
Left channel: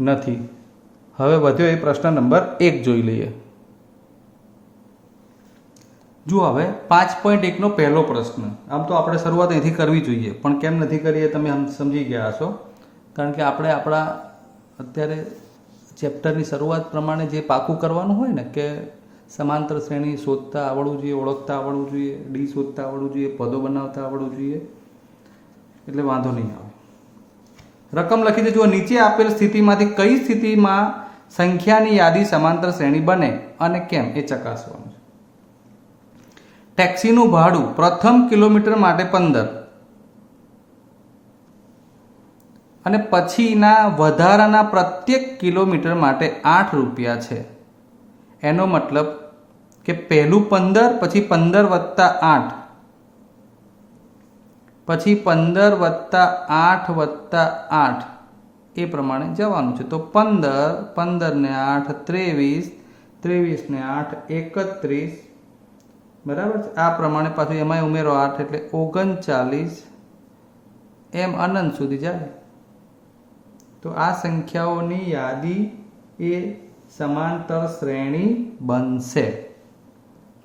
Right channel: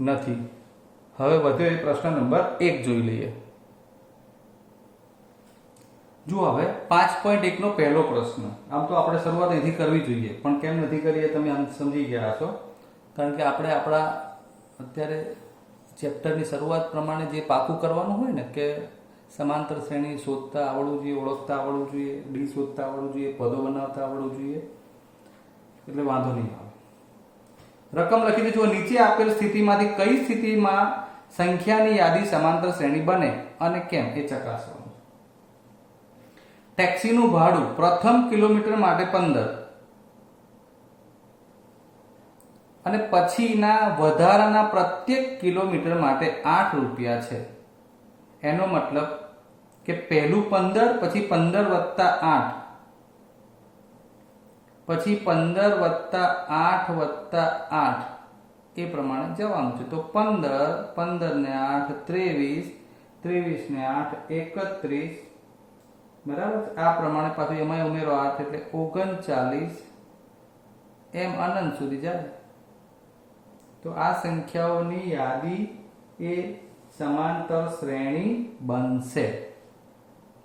નથી. હવે વધ્યો એ પ્રશ્ન નંબર 1 જોઈ લઈએ. જુઓ હવે 5.1 નો પહેલો પ્રશ્ન. આમ તો આપણે શરૂઆત અહીંથી કરવી જોઈએ, પણ કેમ નથી કરીએ તમે સમજી ગયા હશો. કારણ કે આપણે આપણા અત્યારે ચેપ્ટરની શરૂઆત પ્રમાણે જે પાકું કરવાનું હોય ને, કે સમાંતર શ્રેણી શોધતા આવડવું જોઈએ, ઓળખતા આવડવું જોઈએ, ડી શોધતા આવડવું જોઈએ, પદો બનાવતા આવડવું જોઈએ, એટલે વાંધો નહીં આવે. રકમ લખી દેજો. નીચે આપેલ સ્થિતિમાંથી કઈ સ્થિતિમાં સંખ્યાની યાદી સમાંતર શ્રેણી બને અને કેમ એ ચકાસવાનું. ટેક્સીનું ભાડું પ્રથમ કિલોમીટર માટે 15 અને પછીના વધારાના પ્રત્યેક કિલોમીટર માટે 8 રૂપિયા છે. એનો મતલબ કે પહેલું 15, પછી 15 વત્તા 8, પછી 15 વત્તા 8 વત્તા 8 એ પ્રમાણે જવાનું છે. તો 15, 15 ને 8 23, 23 ને 8 31. બરાબર. આ પ્રમાણે પાછું એમાં ઉમેરો 8 એટલે 39. એમ અનંત સુધી જાય. તો આ સંખ્યાઓની યાદી એ સમાંતર શ્રેણી બનશે.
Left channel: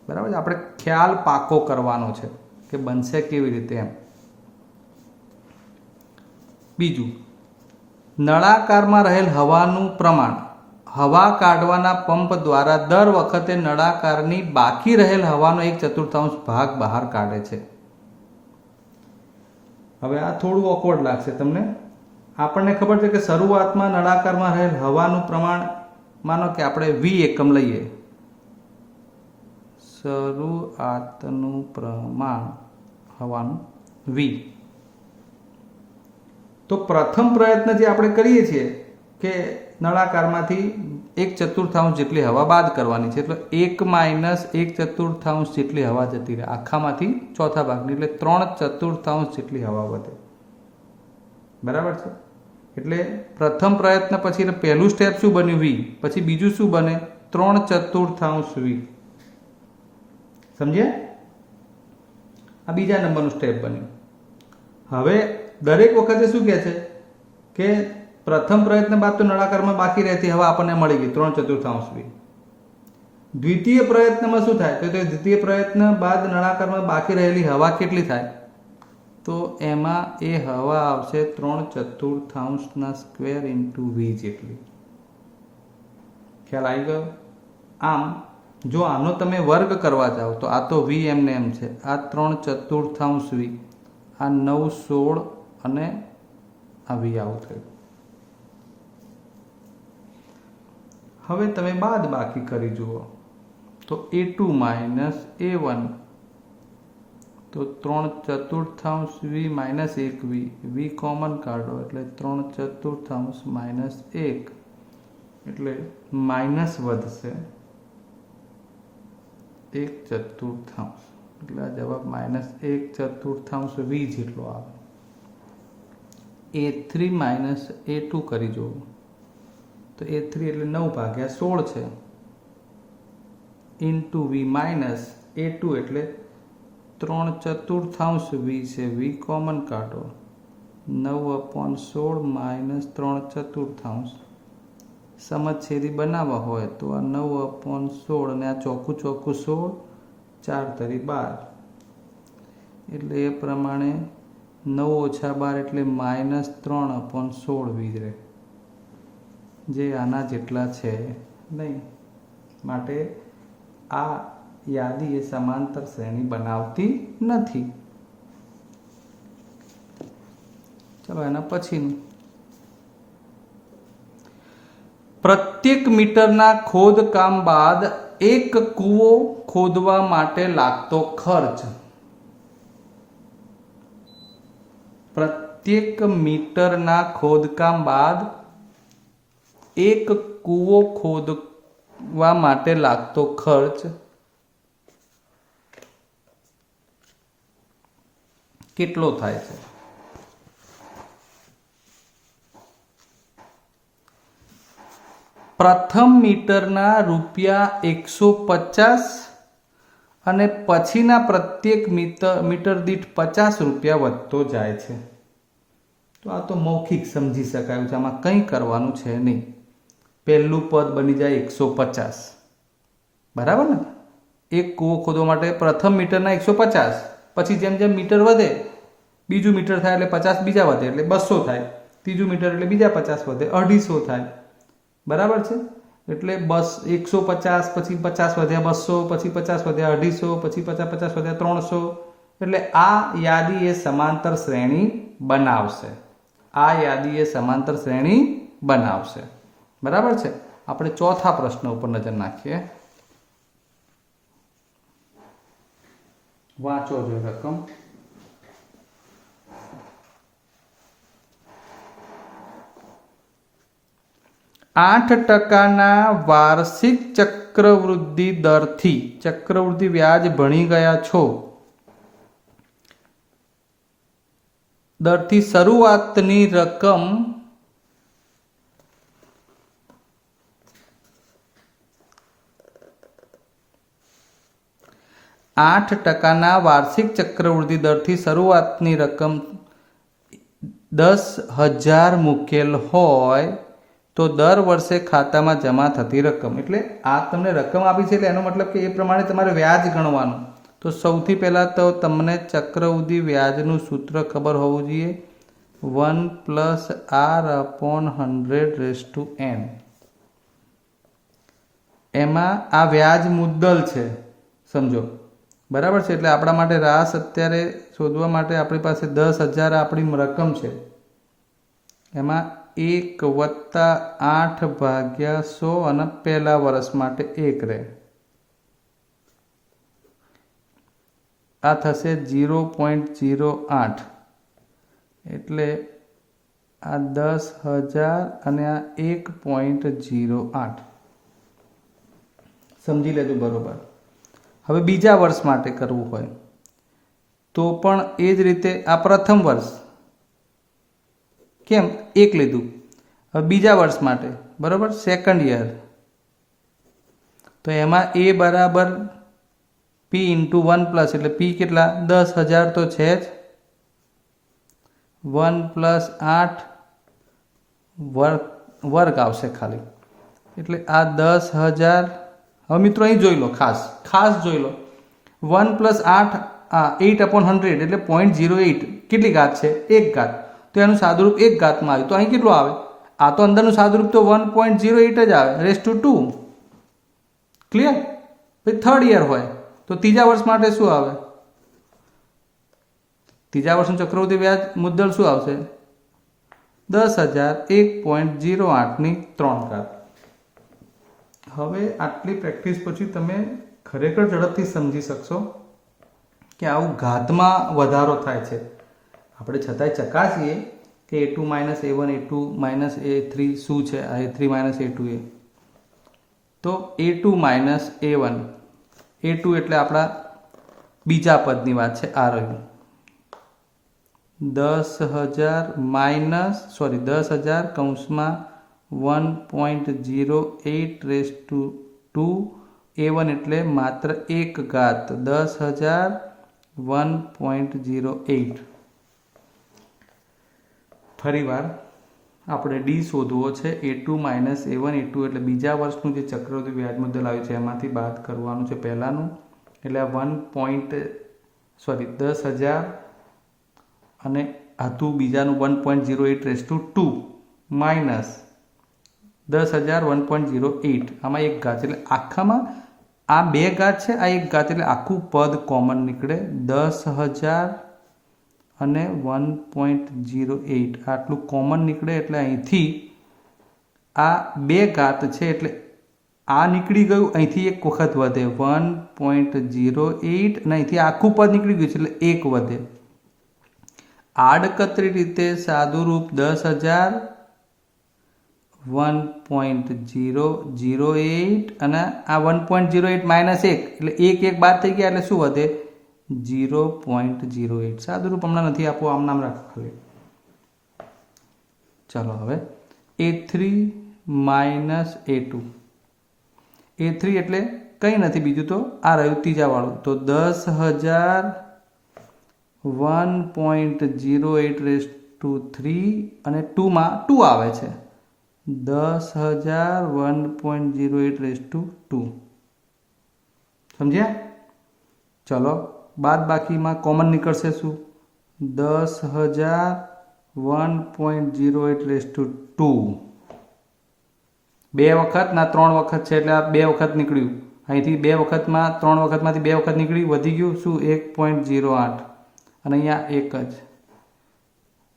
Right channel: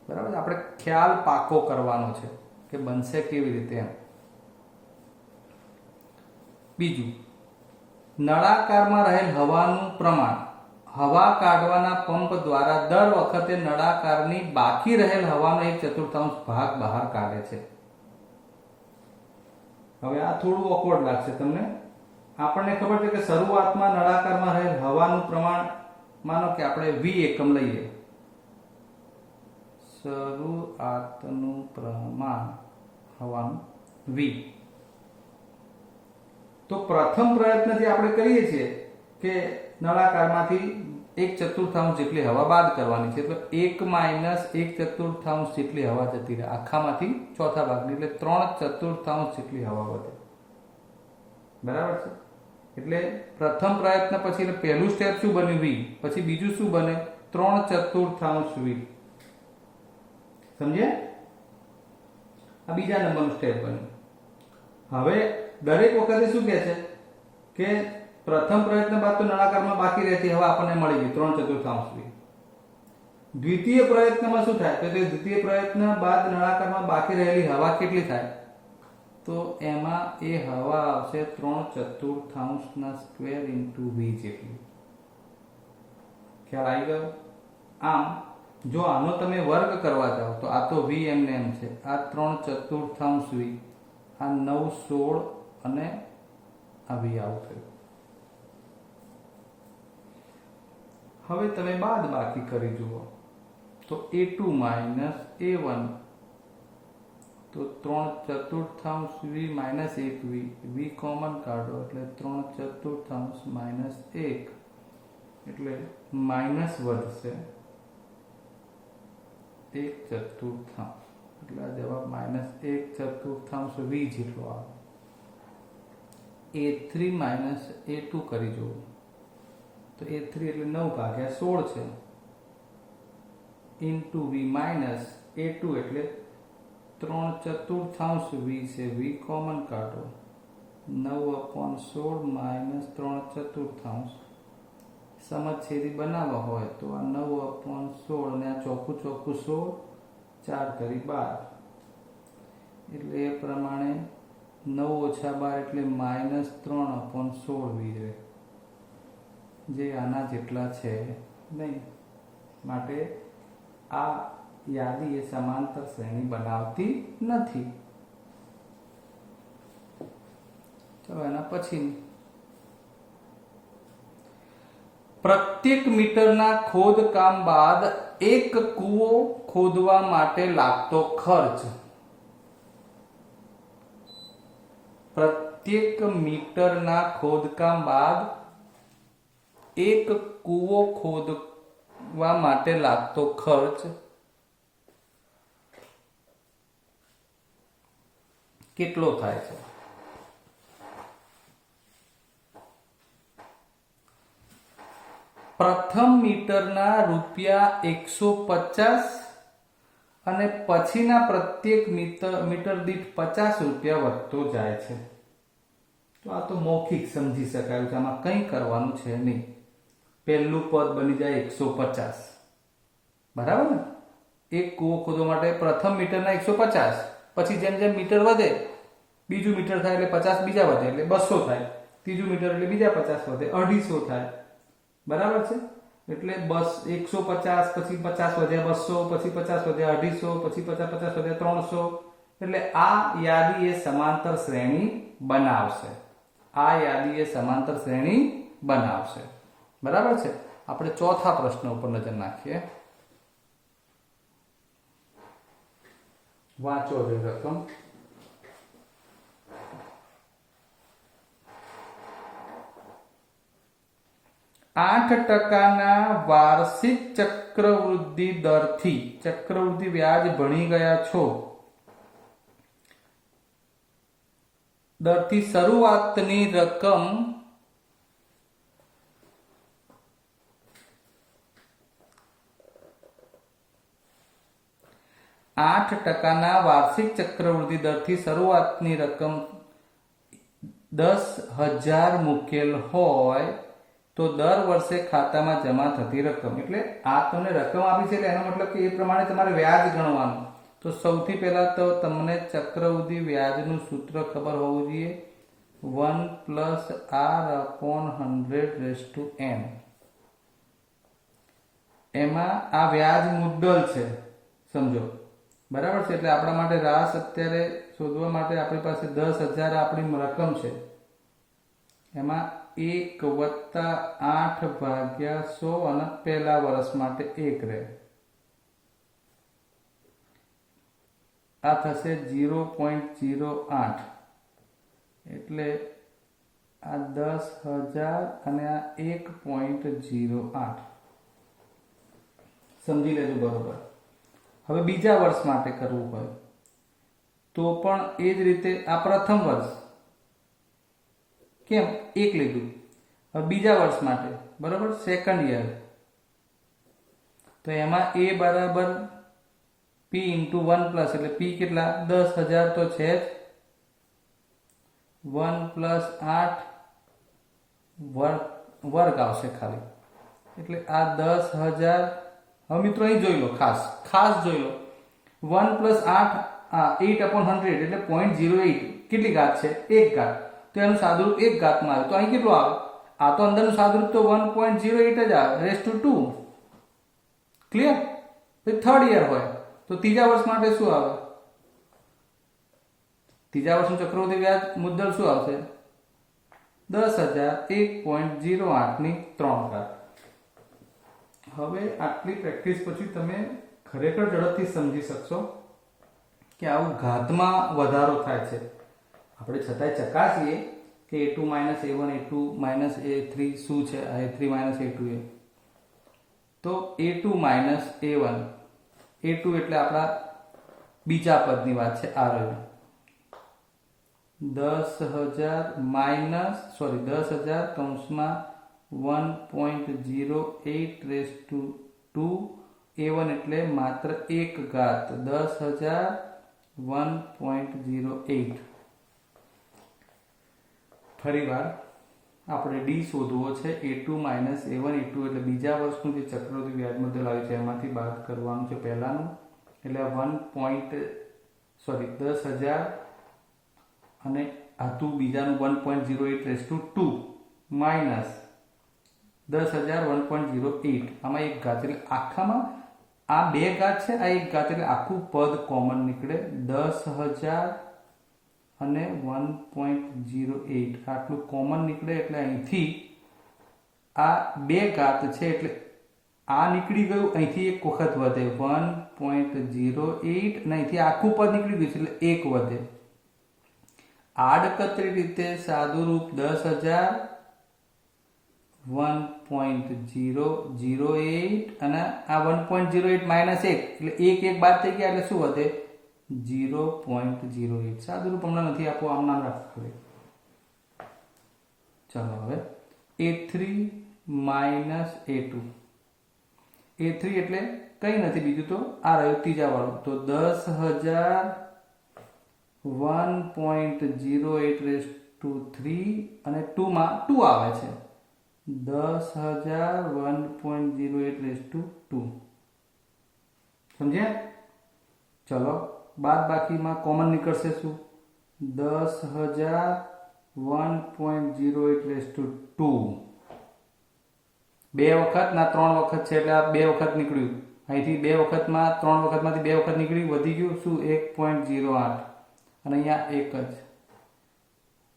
બરાબર. આપણે ખ્યાલ પાકો કરવાનો છે કે બનશે કેવી રીતે એમ. બીજું, નળાકારમાં રહેલ હવાનું પ્રમાણ હવા કાઢવાના પંપ દ્વારા દર વખતે નળાકારની બાકી રહેલ હવાનો 1/4 ભાગ બહાર કાઢે છે. હવે આ થોડું ઓકવર્ડ લાગશે તમને. આપણને ખબર છે કે શરૂઆતમાં નળાકારમાં રહેલ હવાનું પ્રમાણ, માનો કે આપણે v એકમ લઈએ. શરૂઆતનું પ્રમાણ હવાનું v. તો પ્રથમ પ્રયત્ન જે આપણે કરીએ છીએ કે નળાકારમાંથી 1/4 જેટલી હવા બાદ કરવાની છે. એટલે 1 - 1/4 જેટલી હવા જતી રહે આખામાંથી ચોથા ભાગની. એટલે 3/4 જેટલી હવા વધે. બરાબર છે. એટલે પ્રથમ પ્રયત્ન પછી એટલે પહેલું સ્ટેપ શું બન્યું? v. પછી બીજું શું બને? 3/4 v. સમજ્યા? આ બીજા નંબરનું સ્ટેપ બન્યું. હવે દરેક વખતે શું કહે છે કે પ્રથમ પ્રયત્ન બાદ તો નળાકારમાં બાકી રહેતી હવા આપણને મળી ગઈ 3/4 v. દ્વિતીય પ્રયત્નમાં શું થાય? તો દ્વિતીય પ્રયત્ન બાદ નળાકારમાં બાકી રહેલી હવા કેટલી થાય? તો તો એમાં એ હવા આવશે 3/4 સ્ક્વેર ઇન્ટુ વી જેટલી. ખ્યાલ આવી ગયો? આમ જો આનો તમે વર્ગ કરવા જાઓ તો આ તો વી એમને એમ છે, આ 3/4 વી, આ 9, 16 અને આ વી આવું થયું. હવે તમે બાદ બાકી કરી જુઓ તો a2 માઇનસ a1, તો 3/4 વી માઇનસ 1 વી, વી કોમન કાઢો એટલે 3/4 માઇનસ 1 એટલે માઇનસ વધશે 1/4, એટલે આ જવાબ માઇનસ 1/4 વી જેટલો આવે. a3 માઇનસ a2 કરી જોવું તો a3 એટલે 9/16 છે, ઇન્ટુ વી માઇનસ a2 એટલે 3/4 વી છે, વી કોમન કાઢો 9/16 માઇનસ 3/4. સમછેદી બનાવવા હોય તો આ 9/16 અને આ ચોખ્ખું 16, 4 તરી 12, એટલે એ પ્રમાણે 9 ઓછા 12 એટલે માઇનસ 3/16 વી રહે, જે આના જેટલા છે નહીં. માટે આ યાદી એ સમાંતર શ્રેણી બનાવતી નથી. ચલો એના પછીનું, પ્રત્યેક મીટરના ખોદકામ બાદ એક કૂવો ખોદવા માટે લાગતો ખર્ચ. પ્રત્યેક મીટરના ખોદકામ બાદ એક કૂવો ખોદવા માટે લાગતો ખર્ચ કેટલો થાય છે? પ્રથમ મીટરના ₹150 અને પછીના પ્રત્યેક મીટર દીઠ 50 રૂપિયા વધતો જાય છે. તો આ તો મૌખિક સમજી શકાયું છે, આમાં કંઈ કરવાનું છે નહીં. પહેલું પદ બની જાય 150, બરાબર ને? એક કૂવો ખોદવા માટે પ્રથમ મીટરના 150, પછી જેમ જેમ મીટર વધે, બીજું મીટર થાય એટલે 50 બીજા વધે એટલે 200 થાય, ત્રીજું મીટર એટલે બીજા 50 વધે 250 થાય, બરાબર છે? એટલે 150, પછી 50 વધ્યા 200, પછી 50 વધ્યા 250, પછી 50 વધ્યા 300. એટલે આ યાદી એ સમાંતર શ્રેણી બનાવશે. આ યાદી એ સમાંતર શ્રેણી બનાવશે, બરાબર છે? આપણે ચોથા પ્રશ્ન ઉપર નજર નાખીએ. વાંચો જોઈએ રકમ. %8 વાર્ષિક ચક્રવૃદ્ધિ દરથી, ચક્રવૃદ્ધિ વ્યાજ ભણી ગયા છો, દરથી શરૂઆતની રકમ %8 વાર્ષિક ચક્રવૃદ્ધિ દરથી શરૂઆતની રકમ 10,000 મૂકેલ હોય તો દર વર્ષે ખાતામાં જમા થતી રકમ. એટલે આ તમને રકમ આપી છે એટલે એનો મતલબ કે એ પ્રમાણે તમારે વ્યાજ ગણવાનું. તો સૌથી પહેલાં તો તમને ચક્રવૃદ્ધિ વ્યાજનું સૂત્ર ખબર હોવું જોઈએ, 1+r/100n. એમાં આ વ્યાજ મુદ્દલ છે, સમજો, બરાબર છે? એટલે આપણા માટે રાસ અત્યારે શોધવા માટે આપણી પાસે 10,000 આપણી રકમ છે, એમાં 1 + 8/100 અને પહેલા વર્ષ માટે 1 રહે, આ થશે 0.08. એટલે આ 10,000 અને આ 1.08 સમજી લેજો, બરોબર? હવે બીજા વર્ષ માટે કરવું હોય તો પણ એ જ રીતે, આ પ્રથમ વર્ષ કેમ 1 લીધું, હવે બીજા વર્ષ માટે, બરાબર, સેકન્ડ યર, તો એમાં a બરાબર p × 1+, એટલે p કેટલા? 10,000 તો છે જ, 1+8 વર્ગ આવશે ખાલી, એટલે આ 10,000. હવે મિત્રો અહીં જોઈ લો, ખાસ જોઈ લો, 1+8 8/100 એટલે 0.08, કેટલી ઘાત છે? 1 ઘાત. તો એનું સાદુરૂપ 1 ઘાતમાં આવ્યું. તો અહીં કેટલું આવે? આ તો અંદરનું સાદુરૂપ તો 1.08 જ આવે, રેઝ ટુ 2. ક્લિયર? પછી થર્ડ યર હોય તો ત્રીજા વર્ષ માટે શું આવે? ત્રીજા વર્ષનું ચક્રવૃદ્ધિ વ્યાજ મુદ્દલ શું આવશે? 10,000 1.08 ની 3 ઘાત. હવે આટલી પ્રેક્ટિસ પછી તમે ખરેખર ઝડપથી સમજી શકશો કે આવું ઘાતમાં વધારો થાય છે. આપણે છતાંય ચકાસીએ કે a2 - a1 a2 - a3 શું છે? આ a3 - a2 એ તો a2 - a1 a2 એટલે આપણા બીજા પદની વાત છે. આ રહ્યું 10,000 કૌંસમાં 1.08 રેઝ ટુ 2 a1 એટલે માત્ર 1 ઘાત 10,000 1.08. ફરીવાર આપણે ડી શોધવો છે. a2 - a1 a2 એટલે બીજા વર્ષનું જે ચક્રવૃદ્ધિ વ્યાજ મુદ્દલ આવ્યું છે એમાંથી બાદ કરવાનું છે પહેલાનું. એટલે આ 10,000 અને હતું બીજાનું 1.08 રેઝ ટુ 2 માઇનસ 10,000 1.08. આમાં 1 ઘાત એટલે આખામાં આ 2 ઘાત છે, આ 1 ઘાત એટલે આખું પદ કોમન નીકળે. 10,000 અને 1.08 આટલું કોમન નીકળે એટલે અહીંથી આ 2 ઘાત છે એટલે આ નીકળી ગયું. અહીંથી 1 વખત વધે 1.08 અને અહીંથી આખું પદ નીકળી ગયું છે એટલે 1 વધે. આડકતરી રીતે સાદુરૂપ 10,000 1.008 અને આ 1.08 માઇનસ 1 એટલે 1 બાદ થઈ ગયા એટલે શું વધે? 0.08. સાદુરૂપ હમણાં નથી આપવું, આમ નામ રાખો ખાલી. ચલો હવે a3 - a2 a3 એટલે કંઈ નથી બીજું તો આ રહ્યું ત્રીજા વાળું. તો 10,000 1.08 રેઝ ટુ 3 અને 2 માં 2 આવે છે. 10,000 1.08 રેઝ ટુ 2. સમજ્યા? ચલો બાદ બાકીમાં કોમન નીકળશે શું? 10,000 1.08 રેઝ ટુ 2. 2 વખત ના 3 વખત છે એટલે આ 2 વખત નીકળ્યું. અહીંથી 2 વખતમાં 3 વખતમાંથી 2 વખત નીકળ્યું, વધી ગયું શું? 1.08 અને અહીંયા 1 જ.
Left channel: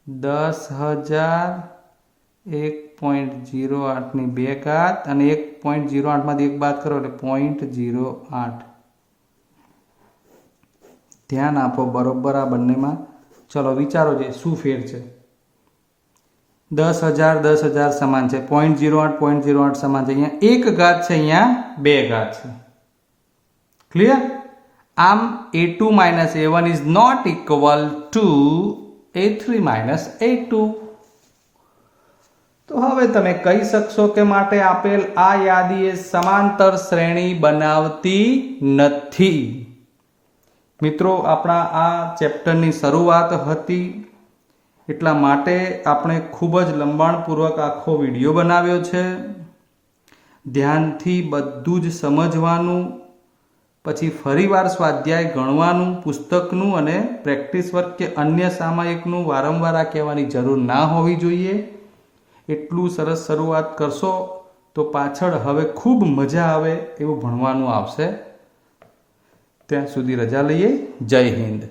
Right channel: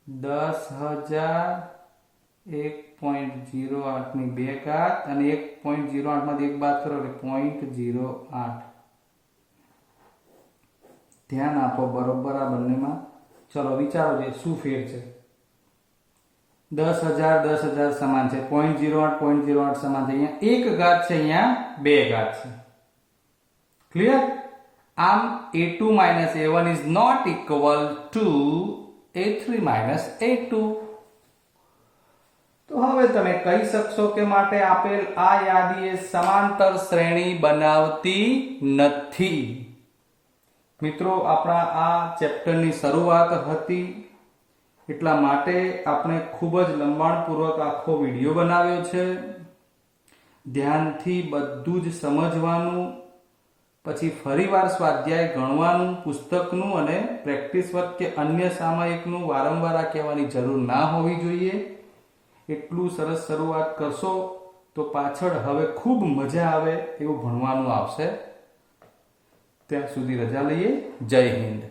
10,000 1.08 ની 2 ઘાત અને 1.08 માંથી 1 બાદ કરો એટલે 0.08. ધ્યાન આપો બરોબર આ બંનેમાં. ચલો વિચારો જે શું ફેર છે. 10,000 સમાન છે, 0.08 સમાન છે. અહીંયા 1 ઘાત છે, અહીંયા 2 ઘાત છે. ક્લિયર? આમ a2 - a1 is not equal to a3 - a2. તો હવે તમે કહી શકશો કે માટે આપેલ આ યાદી એ સમાંતર શ્રેણી બનાવતી નથી. મિત્રો, આપણા આ ચેપ્ટરની શરૂઆત હતી એટલા માટે આપણે ખૂબ જ લંબાણપૂર્વક આખો વિડીયો બનાવ્યો છે. ધ્યાનથી બધું જ સમજવાનું, પછી ફરીવાર સ્વાધ્યાય ગણવાનું, પુસ્તકનું અને પ્રેક્ટિસ વર્ક કે અન્ય સામયિકનું વારંવાર આ કહેવાની જરૂર ના હોવી જોઈએ. એટલું સરસ શરૂઆત કરશો તો પાછળ હવે ખૂબ મજા આવે એવું ભણવાનું આવશે. ત્યાં સુધી રજા લઈએ. જય હિન્દ.